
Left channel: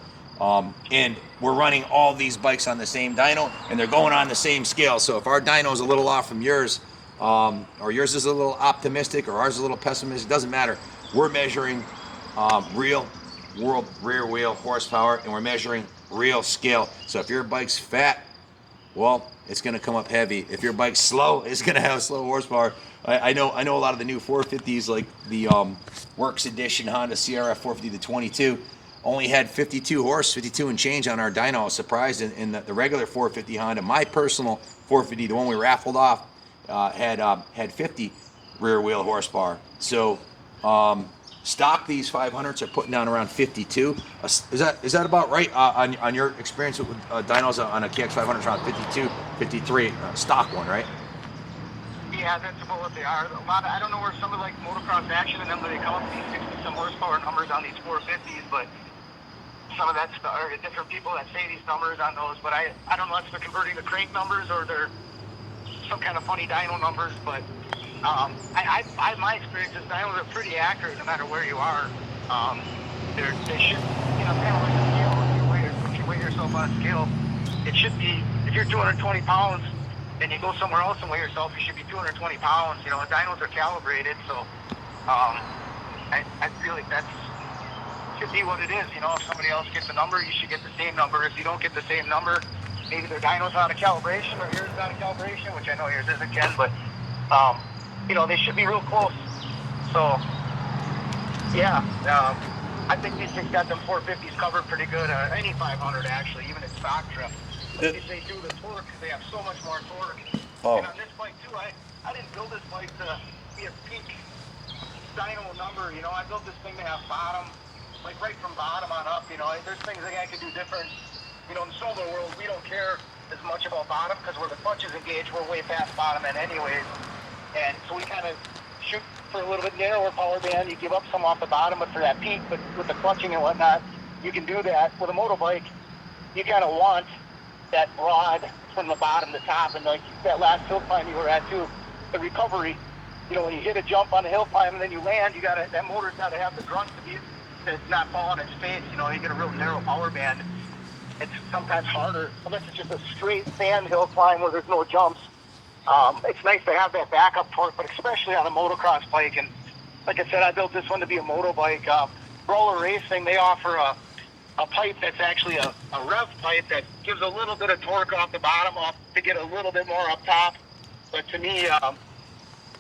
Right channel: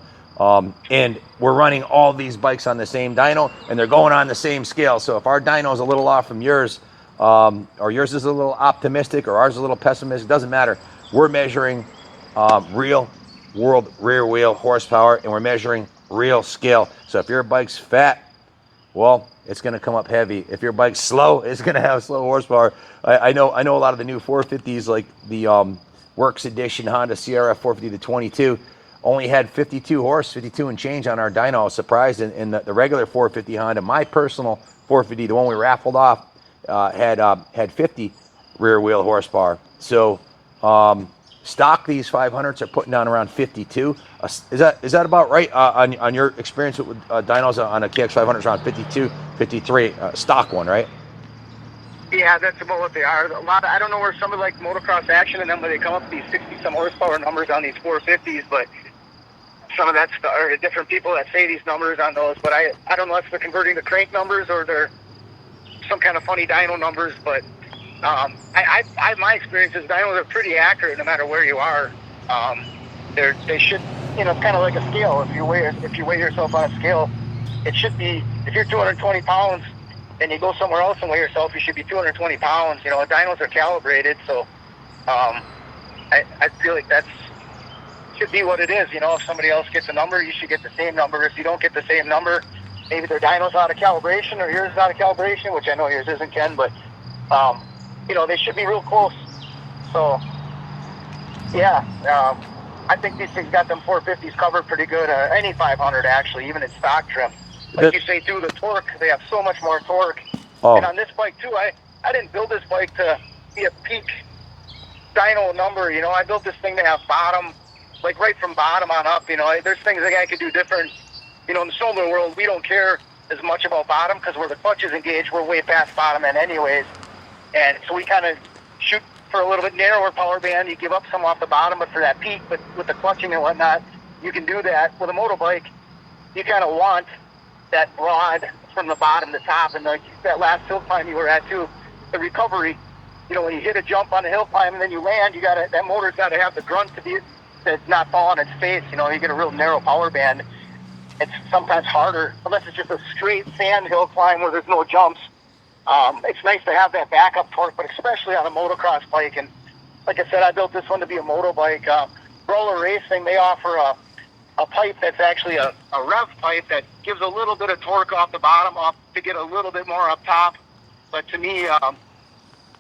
and we're running all these bikes on the same dyno, and they're going on the same scale. So if our dyno is a little off from yours, or yours is a little optimistic, or ours is a little pessimistic, doesn't matter. We're measuring real world rear wheel horsepower, and we're measuring real scale. So if your bike's fat, well, it's going to come up heavy. If your bike's slow, it's going to have slow horsepower. I know a lot of the new 450s, like the Works Edition Honda CRF 450 to 22, only had 52 and change on our dyno. I was surprised. And the regular 450 Honda, my personal 450, the one we raffled off, had 50 rear wheel horsepower. So stock, these 500s are putting down around 52. Is that about right on your experience with dynos on a KX500? Around 52, 53 stock one, right? yeah, that's about what they are. A lot of, I don't know where some of like motocross action and then when they come up with these 60-some horsepower numbers on these 450s, but some of that's are different people that say these numbers on those. But I don't know if they're converting the crank numbers or they're some kind of funny dyno numbers, but my experience is dynos are pretty accurate no matter where you are. They should, it's kind of like a scale. If you weigh yourself on a scale, it should be, if you're 220 pounds and you go somewhere else and weigh yourself, you should be 220 pounds. Dynos are calibrated, so I feel like that should be what it is. If somebody else gets a number, you should get the same number. If you don't get the same number, maybe their dyno's out of calibration or yours is out of calibration, which I know yours isn't, Ken, but they should be real close. So, yeah, I think these things got them 450s covered pretty good. Any 500, actually, even in stock trim. Like you say, too, the torque, they have so much more torque. Oh. And on this bike, too, I didn't build this bike to be a peak dyno number. I built this thing to have bottom, like right from bottom on up. There's things that I could do different. In the snowmobile world, we don't care as much about bottom because where the clutch is engaged, we're way past bottom end anyways. And so we kind of shoot for a little bit narrower power band. You give up some off the bottom, but for that peak with the clutching and whatnot, you can do that. With a motorbike, you kind of want that rod from the bottom to top. And like that last hill climb you were at too, the recovery, when you hit a jump on a hill climb and then you land, that motor's got to have the grunt to it's not fall on its face. You get a real narrow power band. It's sometimes harder, unless it's just a straight sand hill climb where there's no jumps. It's nice to have that backup torque, but especially on a motocross bike. And like I said, I built this one to be a motorbike. Roller Racing, they offer a pipe that's actually a rev pipe that gives a little bit of torque off the bottom up to get a little bit more up top. But to me, on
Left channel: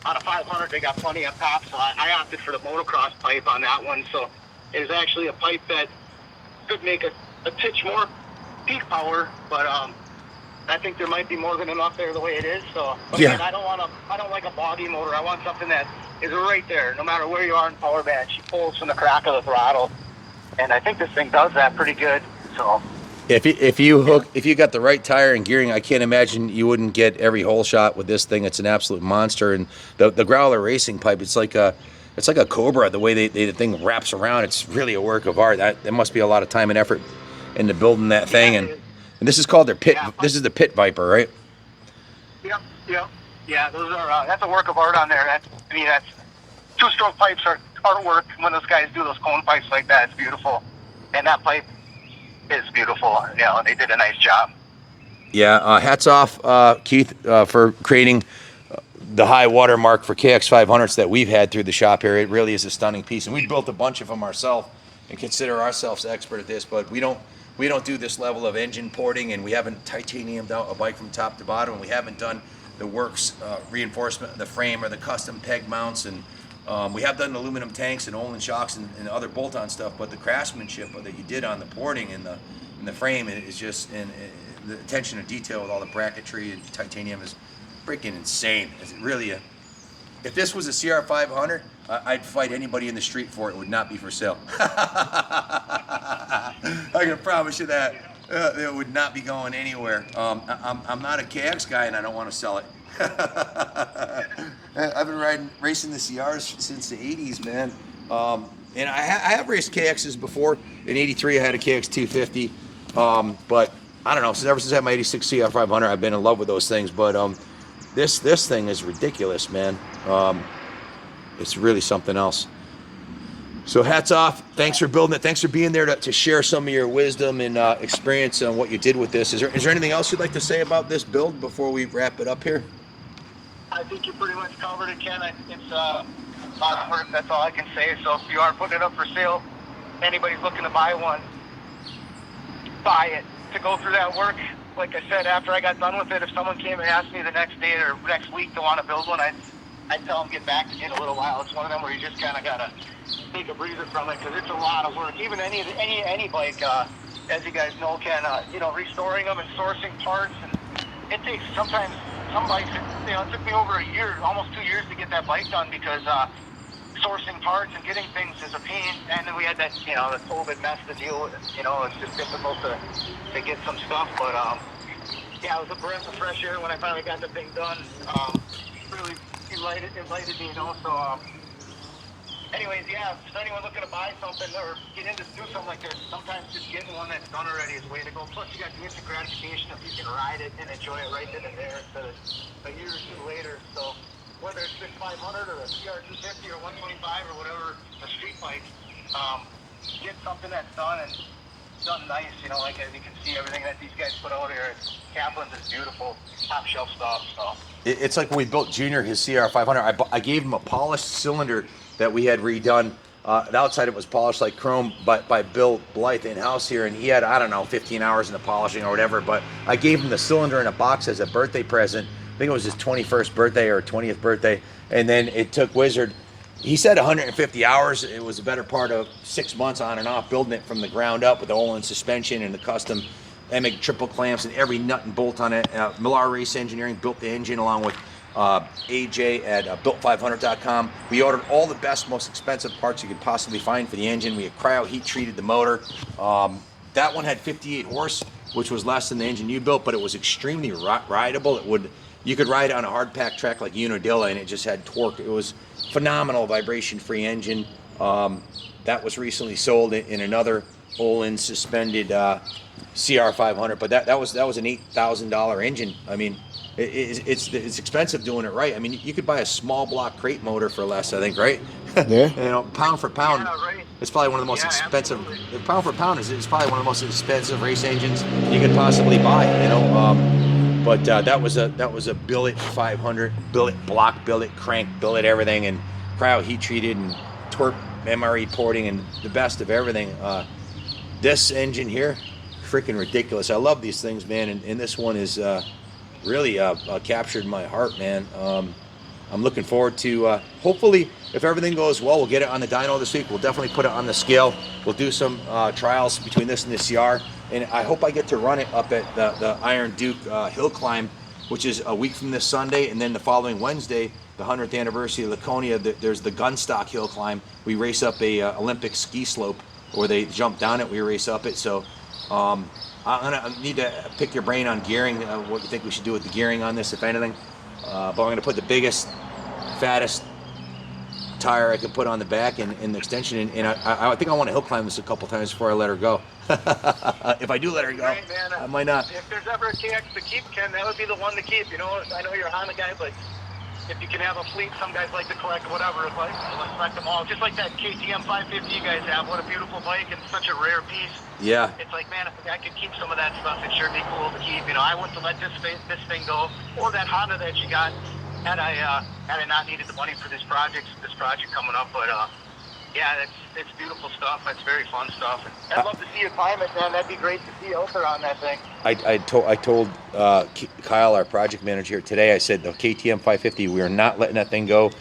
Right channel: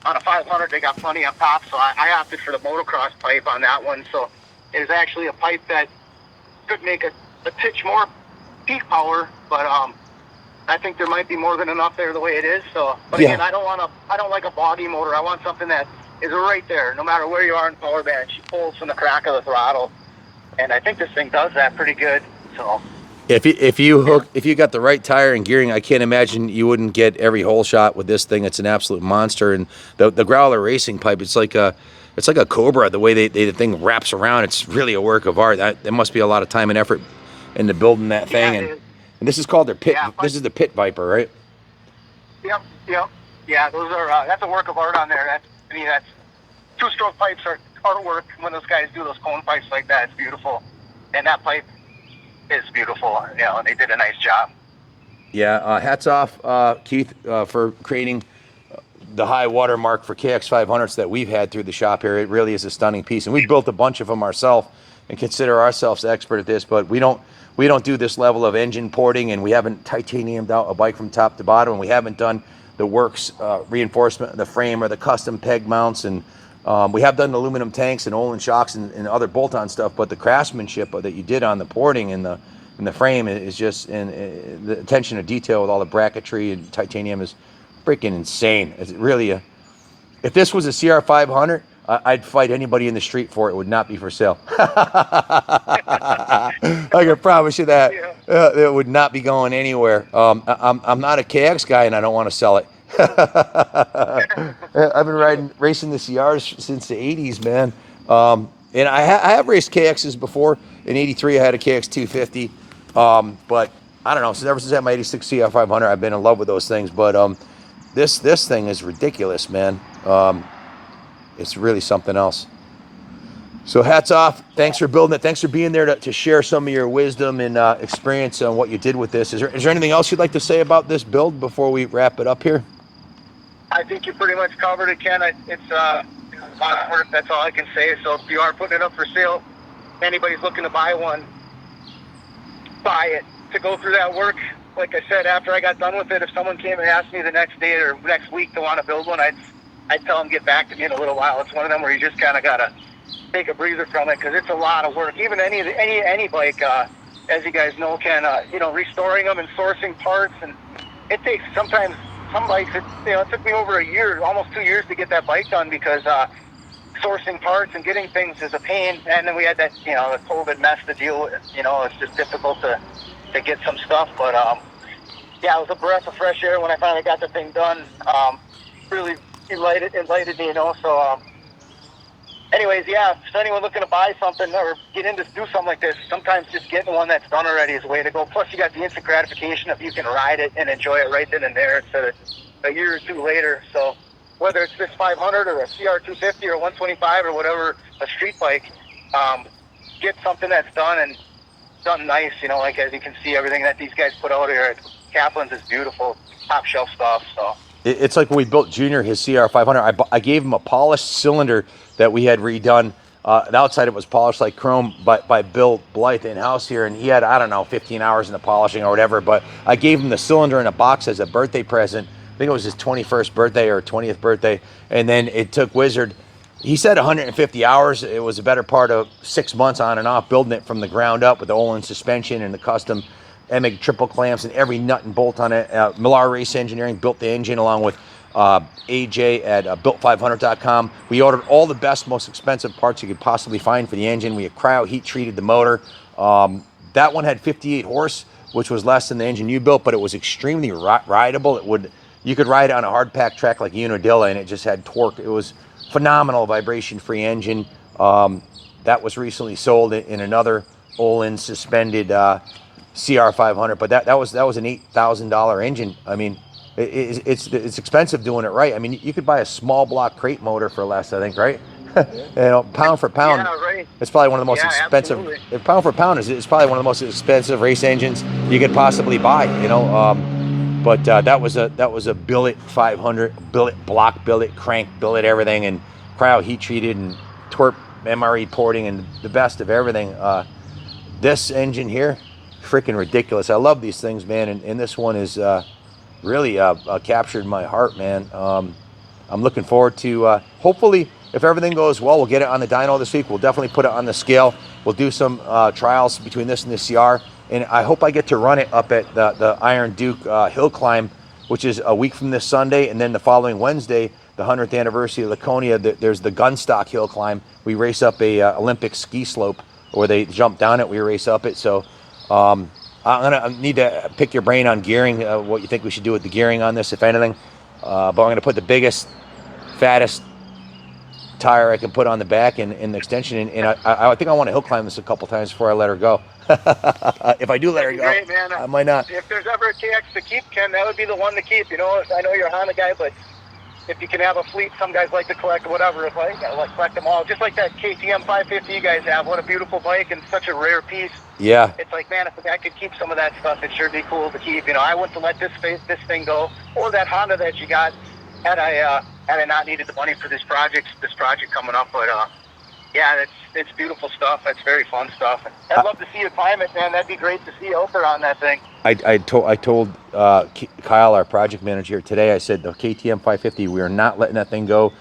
a 500, they got plenty up top, so I opted for the motocross pipe on that one. So there's actually a pipe that could make a titch more peak power, but I think there might be more than enough there the way it is. So, but again, I don't like a boggy motor. I want something that is right there, no matter where you are in power band. She pulls from the crack of the throttle, and I think this thing does that pretty good. So. If you got the right tire and gearing, I can't imagine you wouldn't get every hole shot with this thing. It's an absolute monster. And the Growler Racing pipe, it's like a Cobra. The way the thing wraps around, it's really a work of art. There must be a lot of time and effort into building that thing. And this is called their pit. This is the Pit Viper, right? Yep. Yeah, those are that's a work of art on there. That's 2-stroke pipes are artwork. When those guys do those cone pipes like that, it's beautiful. And that pipe is beautiful. They did a nice job. Yeah, hats off, Keith, for creating the high water mark for KX500s that we've had through the shop here. It really is a stunning piece, and we built a bunch of them ourselves and consider ourselves expert at this. But we don't do this level of engine porting, and we haven't titaniumed out a bike from top to bottom, and we haven't done the works reinforcement of the frame or the custom peg mounts, and we have done aluminum tanks and Olin shocks and other bolt-on stuff. But the craftsmanship that you did on the porting and the frame is just, and the attention to detail with all the bracketry and titanium is freaking insane. It's really if this was a CR500, I'd fight anybody in the street for it. It would not be for sale. I can promise you that. It would not be going anywhere. I'm not a KX guy, and I don't want to sell it. I've been racing the CRs since the 80s, man. And I have raced KXs before. In 83, I had a KX250. But I don't know, ever since I had my 86 CR500, I've been in love with those things. But this thing is ridiculous, man. It's really something else. So hats off. Thanks for building it. Thanks for being there to share some of your wisdom and experience on what you did with this. Is there anything else you'd like to say about this build before we wrap it up here? I think you pretty much covered it, Ken. It's a lot of work. That's all I can say. So if you are putting it up for sale, anybody's looking to buy one, buy it. To go through that work, like I said, after I got done with it, if someone came and asked me the next day or next week to want to build one, I'd tell them get back to me in a little while. It's one of them where you just kind of gotta take a breather from it because it's a lot of work. Even any bike, as you guys know, Ken, restoring them and sourcing parts, and it takes sometimes some bikes. It took me over a year, almost 2 years to get that bike done because sourcing parts and getting things is a pain. And then we had that the COVID mess to deal with. It's just difficult to get some stuff, but yeah, it was a breath of fresh air when I finally got the thing done. Really enlightened me, So, anyways, yeah, if anyone looking to buy something or get into do something like this, sometimes just getting one that's done already is the way to go. Plus, you got the instant gratification if you can ride it and enjoy it right then and there instead of a year or two later. So, whether it's this 500 or a CR250 or 125 or whatever, a street bike, get something that's done and done nice. Like as you can see, everything that these guys put out here at Kaplan's is beautiful, top shelf stuff. So. It's like when we built Junior his CR500, I gave him a polished cylinder that we had redone. The outside it was polished like chrome by Bill Blythe in-house here, and he had, 15 hours in the polishing or whatever, but I gave him the cylinder in a box as a birthday present. I think it was his 21st birthday or 20th birthday, and then it took Wizard, he said 150 hours. It was a better part of 6 months on and off, building it from the ground up with the Olin suspension and the custom EMIG triple clamps and every nut and bolt on it. Millar Race Engineering built the engine along with AJ at built500.com. We ordered all the best, most expensive parts you could possibly find for the engine. We had cryo heat treated the motor. That one had 58 horse, which was less than the engine you built, but it was extremely rideable. You could ride it on a hard pack track like Unadilla, and it just had torque. It was phenomenal vibration-free engine. That was recently sold in another Olin suspended CR500, but that was an $8,000 engine. I mean, it's expensive doing it right. I mean, you could buy a small block crate motor for less, I think, right? Yeah. Pound for pound, Yeah, right. it's probably one of the most expensive. Absolutely. Pound for pound is probably one of the most expensive race engines you could possibly buy. But that was a billet 500, billet block, billet crank, billet everything, and cryo heat treated and twerp MRE porting and the best of everything. This engine here, freaking ridiculous. I love these things, man, and this one is really captured my heart, man. I'm looking forward to, hopefully, if everything goes well, we'll get it on the dyno this week. We'll definitely put it on the scale. We'll do some trials between this and the CR, and I hope I get to run it up at the Iron Duke hill climb, which is a week from this Sunday, and then the following Wednesday, the 100th anniversary of Laconia, there's the Gunstock hill climb. We race up a Olympic ski slope where they jump down it, we race up it. So I need to pick your brain on gearing, what you think we should do with the gearing on this, if anything. But I'm going to put the biggest, fattest tire I can put on the back and the extension, and I think I want to hill climb this a couple times before I let her go. If I do let her go, great, man. I might not. If there's ever a KX to keep, Ken, that would be the one to keep. You know, I know you're a Honda guy, but if you can have a fleet, some guys like to collect whatever. If I like collect them all, just like that KTM 550 you guys have. What a beautiful bike and such a rare piece. Yeah. It's like, man, if I could keep some of that stuff, it sure be cool to keep. You know, I wouldn't have let this thing go, or that Honda that you got, had I not needed the money for this project coming up. But yeah, it's beautiful stuff. It's very fun stuff. I'd love to see you climb it, man. That'd be great to see you out there on that thing. I told Kyle, our project manager, today. I said the KTM 550. We are not letting that thing go.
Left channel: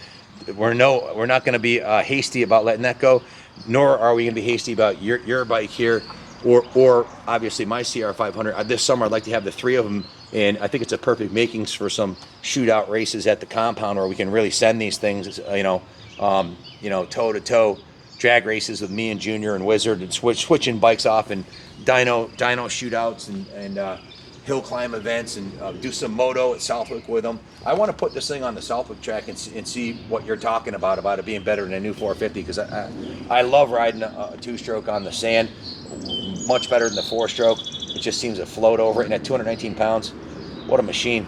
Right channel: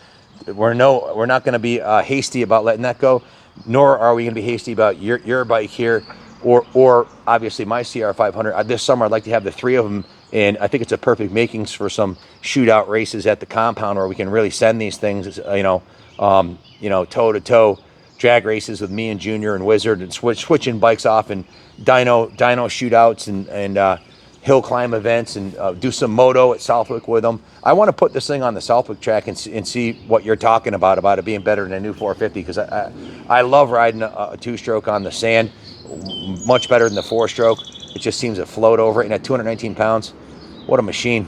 We're not going to be hasty about letting that go. Nor are we going to be hasty about your bike here, or obviously my CR 500. This summer, I'd like to have the three of them. And I think it's a perfect makings for some shootout races at the compound where we can really send these things, toe to toe drag races with me and Junior and Wizard, and switching bikes off, and dyno shootouts and hill climb events, and do some moto at Southwick with them. I want to put this thing on the Southwick track and see what you're talking about it being better than a new 450, because I love riding a two-stroke on the sand, much better than the four-stroke. It just seems to float over it, and at 219 pounds, what a machine.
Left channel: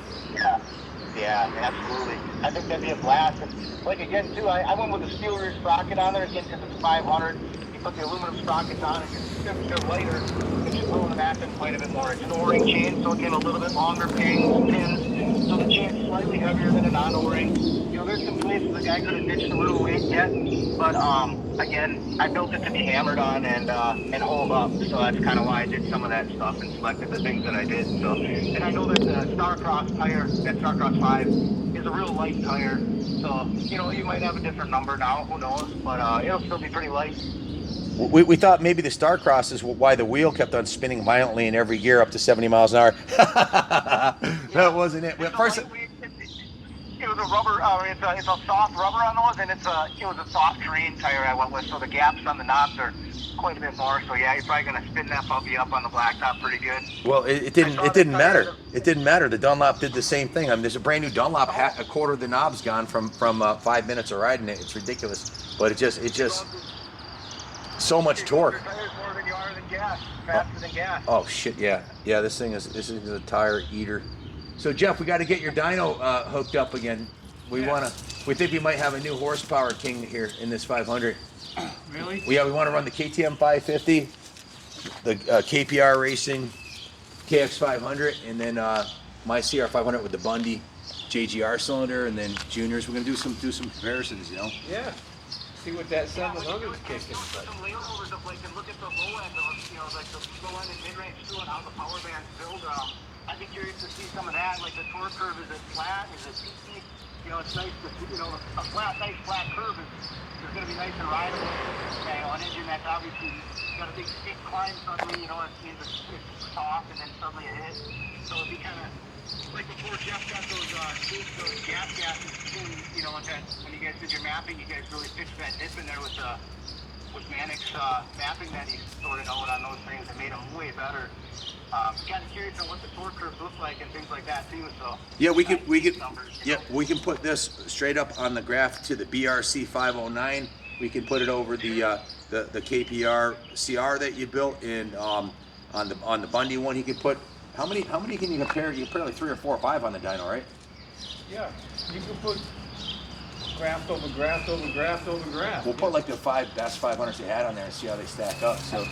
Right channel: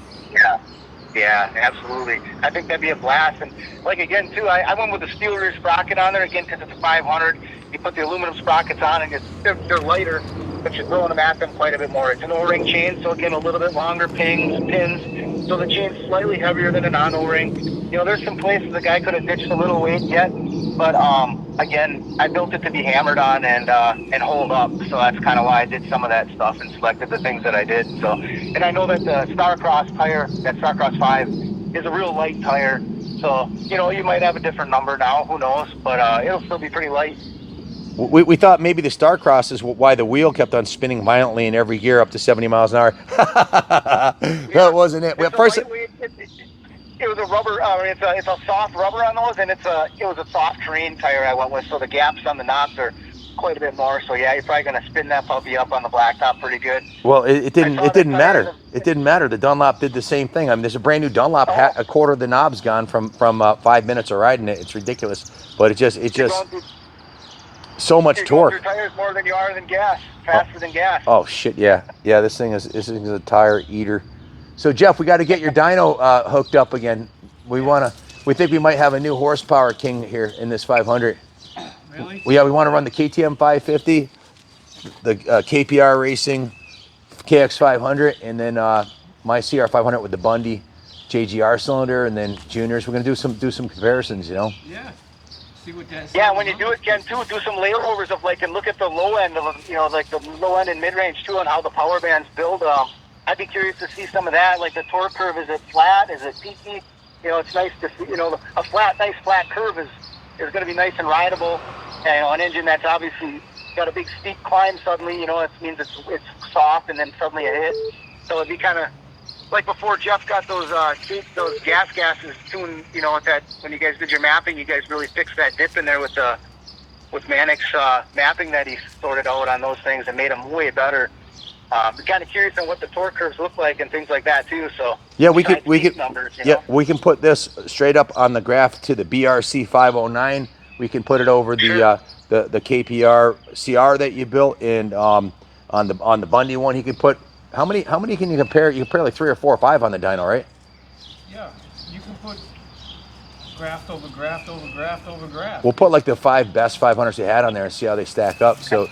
Yeah, absolutely. I think that'd be a blast. And like, again, too, I went with the steel rear sprocket on there, again, because it's a 500. You put the aluminum sprockets on, and they're lighter, but you're throwing them at them quite a bit more. It's an O-ring chain, so again, a little bit longer pins. So the chain's slightly heavier than a non-O-ring. You know, there's some places the guy could have ditched a little weight yet, but again, I built it to be hammered on and hold up. So that's kind of why I did some of that stuff and selected the things that I did. So, and I know that the Starcross tire, that Starcross 5, is a real light tire. So, you know, you might have a different number now, who knows, but it'll still be pretty light. We thought maybe the Starcross is why the wheel kept on spinning violently in every gear up to 70 miles an hour. That wasn't it. It was a rubber. It's a soft rubber on those, and it was a soft terrain tire I went with. So the gaps on the knobs are quite a bit more. So yeah, you're probably gonna spin that puppy up on the blacktop pretty good. Well, it didn't matter. It didn't matter. The Dunlop did the same thing. I mean, there's a brand new Dunlop hat, a quarter of the knobs gone from 5 minutes of riding it. It's ridiculous, but it just so much torque. Your tires more than you are than gas, faster than gas. Oh shit, yeah. This thing is a tire eater. So Jeff, we got to get your dyno hooked up again. We think we might have a new horsepower king here in this 500. Really? We want to run the KTM 550, the KPR Racing KX500, and then my CR 500 with the Bundy JGR cylinder, and then Juniors. We're gonna do some comparisons, you know. Yeah. See what that. Yeah, when you do it, Ken, too, do some layovers of and look at the low end of the low end and mid range too, on how the power bands build. I'd be curious to see some of that, like the torque curve. Is it flat? Is it peaky? You know, it's nice to see. You know, a nice flat curve is going to be nice and rideable. And an engine that's obviously got a big steep climb suddenly, you know, it means it's soft, and then suddenly a hit. So it'd be kind of like before Jeff got those gas gases tuned. You know, that when you guys did your mapping, you guys really fixed that dip in there with Manic's mapping that he sorted out on those things and made them way better. I'm kind of curious on what the torque curves look like and things like that too. So yeah, we can numbers, we can put this straight up on the graph to the BRC 509. We can put it over the KPR CR that you built, and on the Bundy one, he could put how many can you compare? You compare like 3 or 4 or 5 on the dyno, right? Yeah, you can put graft over graft over graft over graft. We'll put like the 5 best 500s they had on there and see how they stack up. So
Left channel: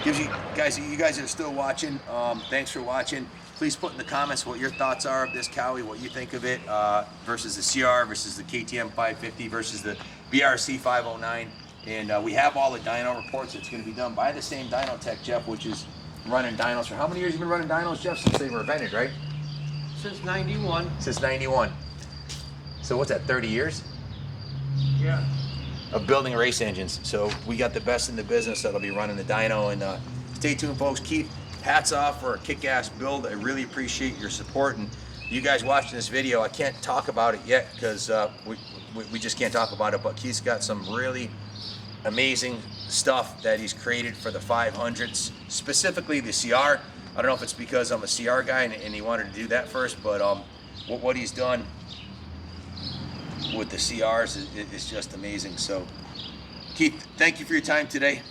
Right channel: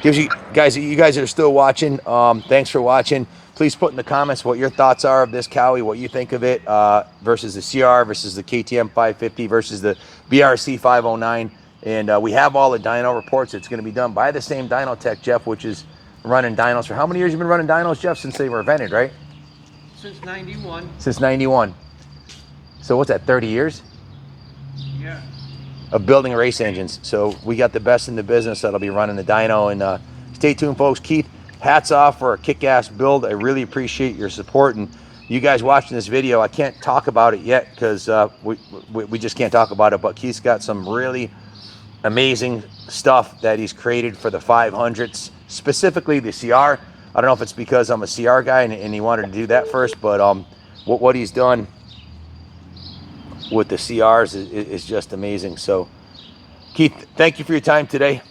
gives you guys that are still watching, thanks for watching. Please put in the comments what your thoughts are of this Cowie, what you think of it versus the CR, versus the KTM 550, versus the BRC 509. And we have all the dyno reports. It's going to be done by the same dyno tech, Jeff, which is running dynos. For how many years you been running dynos, Jeff? Since they were invented, right? Since 91. Since 91. So what's that, 30 years? Yeah. Of building race engines. So we got the best in the business that'll be running the dyno. And stay tuned, folks. Keith, hats off for a kick-ass build. I really appreciate your support. And you guys watching this video, I can't talk about it yet because we just can't talk about it. But Keith's got some really amazing stuff that he's created for the 500s, specifically the CR. I don't know if it's because I'm a CR guy and he wanted to do that first, but what he's done with the CRs is just amazing. So, Keith, thank you for your time today.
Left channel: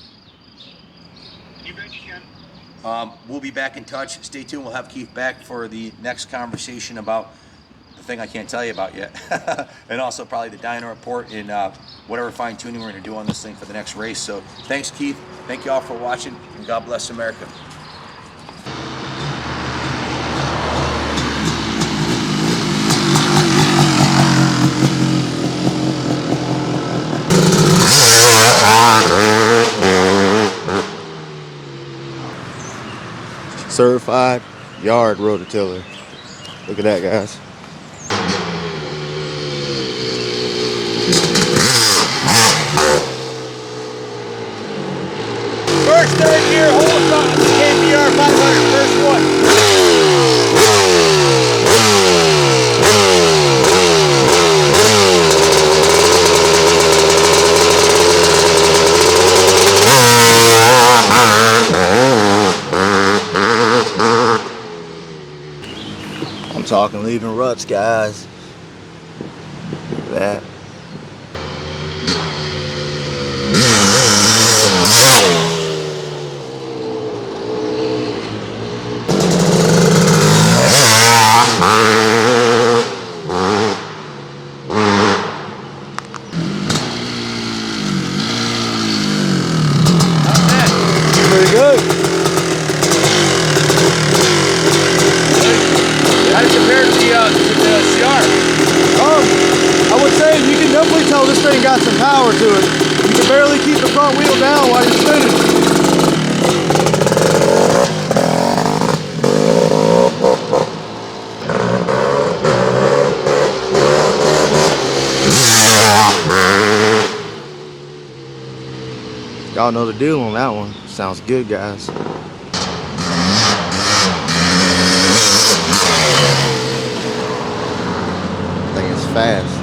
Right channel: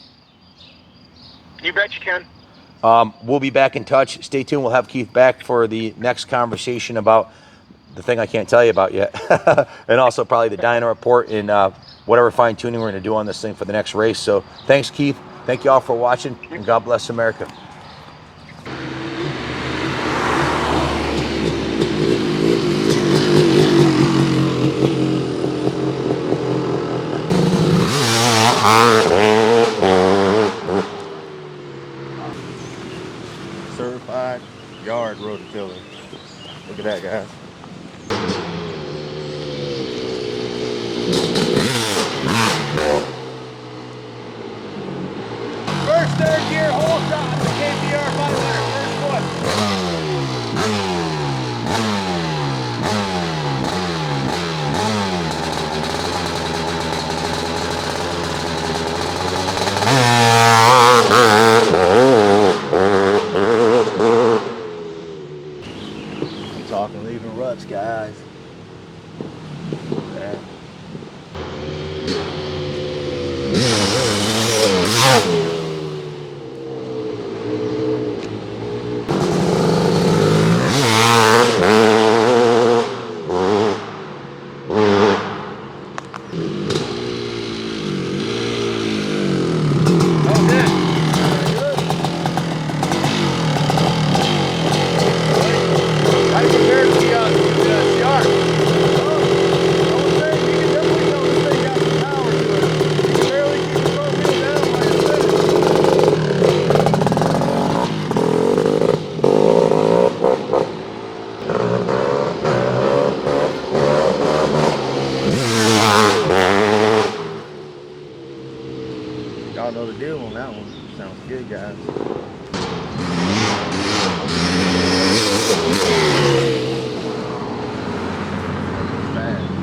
You bet you can. We'll be back in touch. Stay tuned. We'll have Keith back for the next conversation about the thing I can't tell you about yet, and also probably the dyno report and whatever fine tuning we're going to do on this thing for the next race. So thanks, Keith. Thank you all for watching, and God bless America. Certified yard rototiller. Look at that, guys. First third gear Hulkster KX500, first one. I'm talking leaving ruts, guys. That. I would say you can definitely tell this thing got some power to it. You can barely keep the front wheel down while you're spinning. Y'all know the deal on that one. Sounds good, guys. Fast.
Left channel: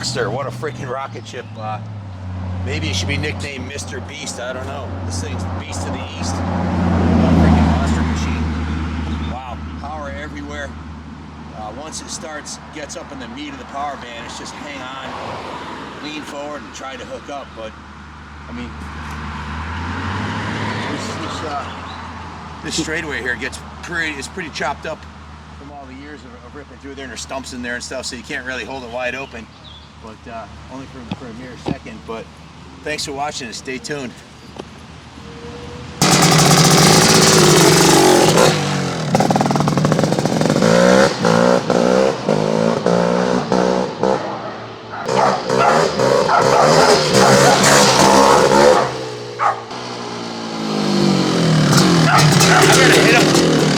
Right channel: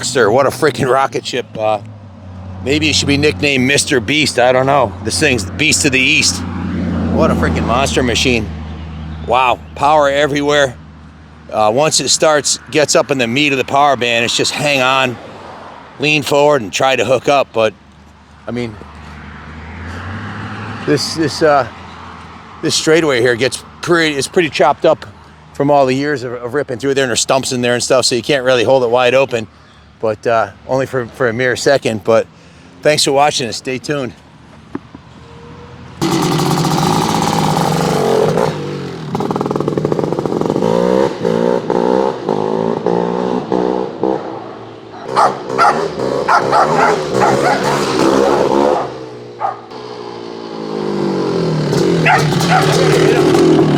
Hulkster. What a freaking rocket ship. Maybe it should be nicknamed Mr. Beast. I don't know. This thing's Beast of the East. What a freaking monster machine. Wow, power everywhere. Once it starts, gets up in the meat of the power band, it's just hang on, lean forward and try to hook up. But I mean, this straightaway here it's pretty chopped up from all the years of ripping through there, and there's stumps in there and stuff, so you can't really hold it wide open, but only for a mere second. But thanks for watching and stay tuned.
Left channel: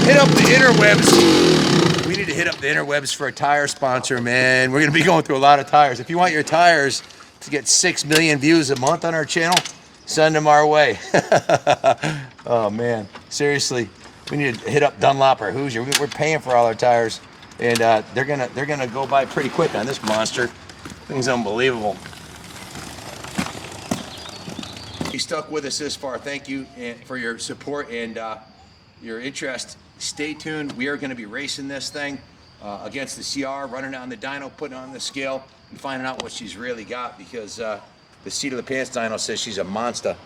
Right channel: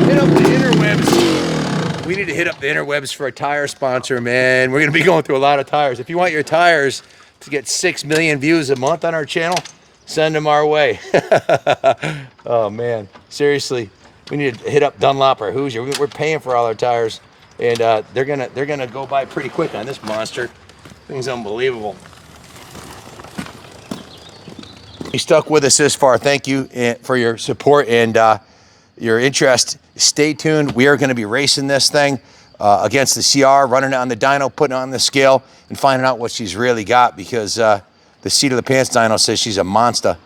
Hit up the interwebs. We need to hit up the interwebs for a tire sponsor, man. We're gonna be going through a lot of tires. If you want your tires to get 6 million views a month on our channel, send them our way. Oh man, seriously, we need to hit up Dunlop or Hoosier. We're paying for all our tires, and they're gonna go by pretty quick on this monster. Thing's unbelievable. You stuck with us this far. Thank you for your support and your interest. Stay tuned. We are going to be racing this thing against the CR, running it on the dyno, putting it on the scale, and finding out what she's really got, because the seat of the pants dyno says she's a monster,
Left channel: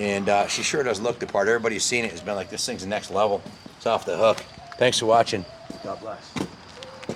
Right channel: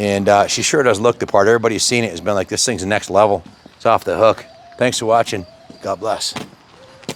and she sure does look the part. Everybody who's seen it has been like, this thing's the next level. It's off the hook. Thanks for watching. God bless.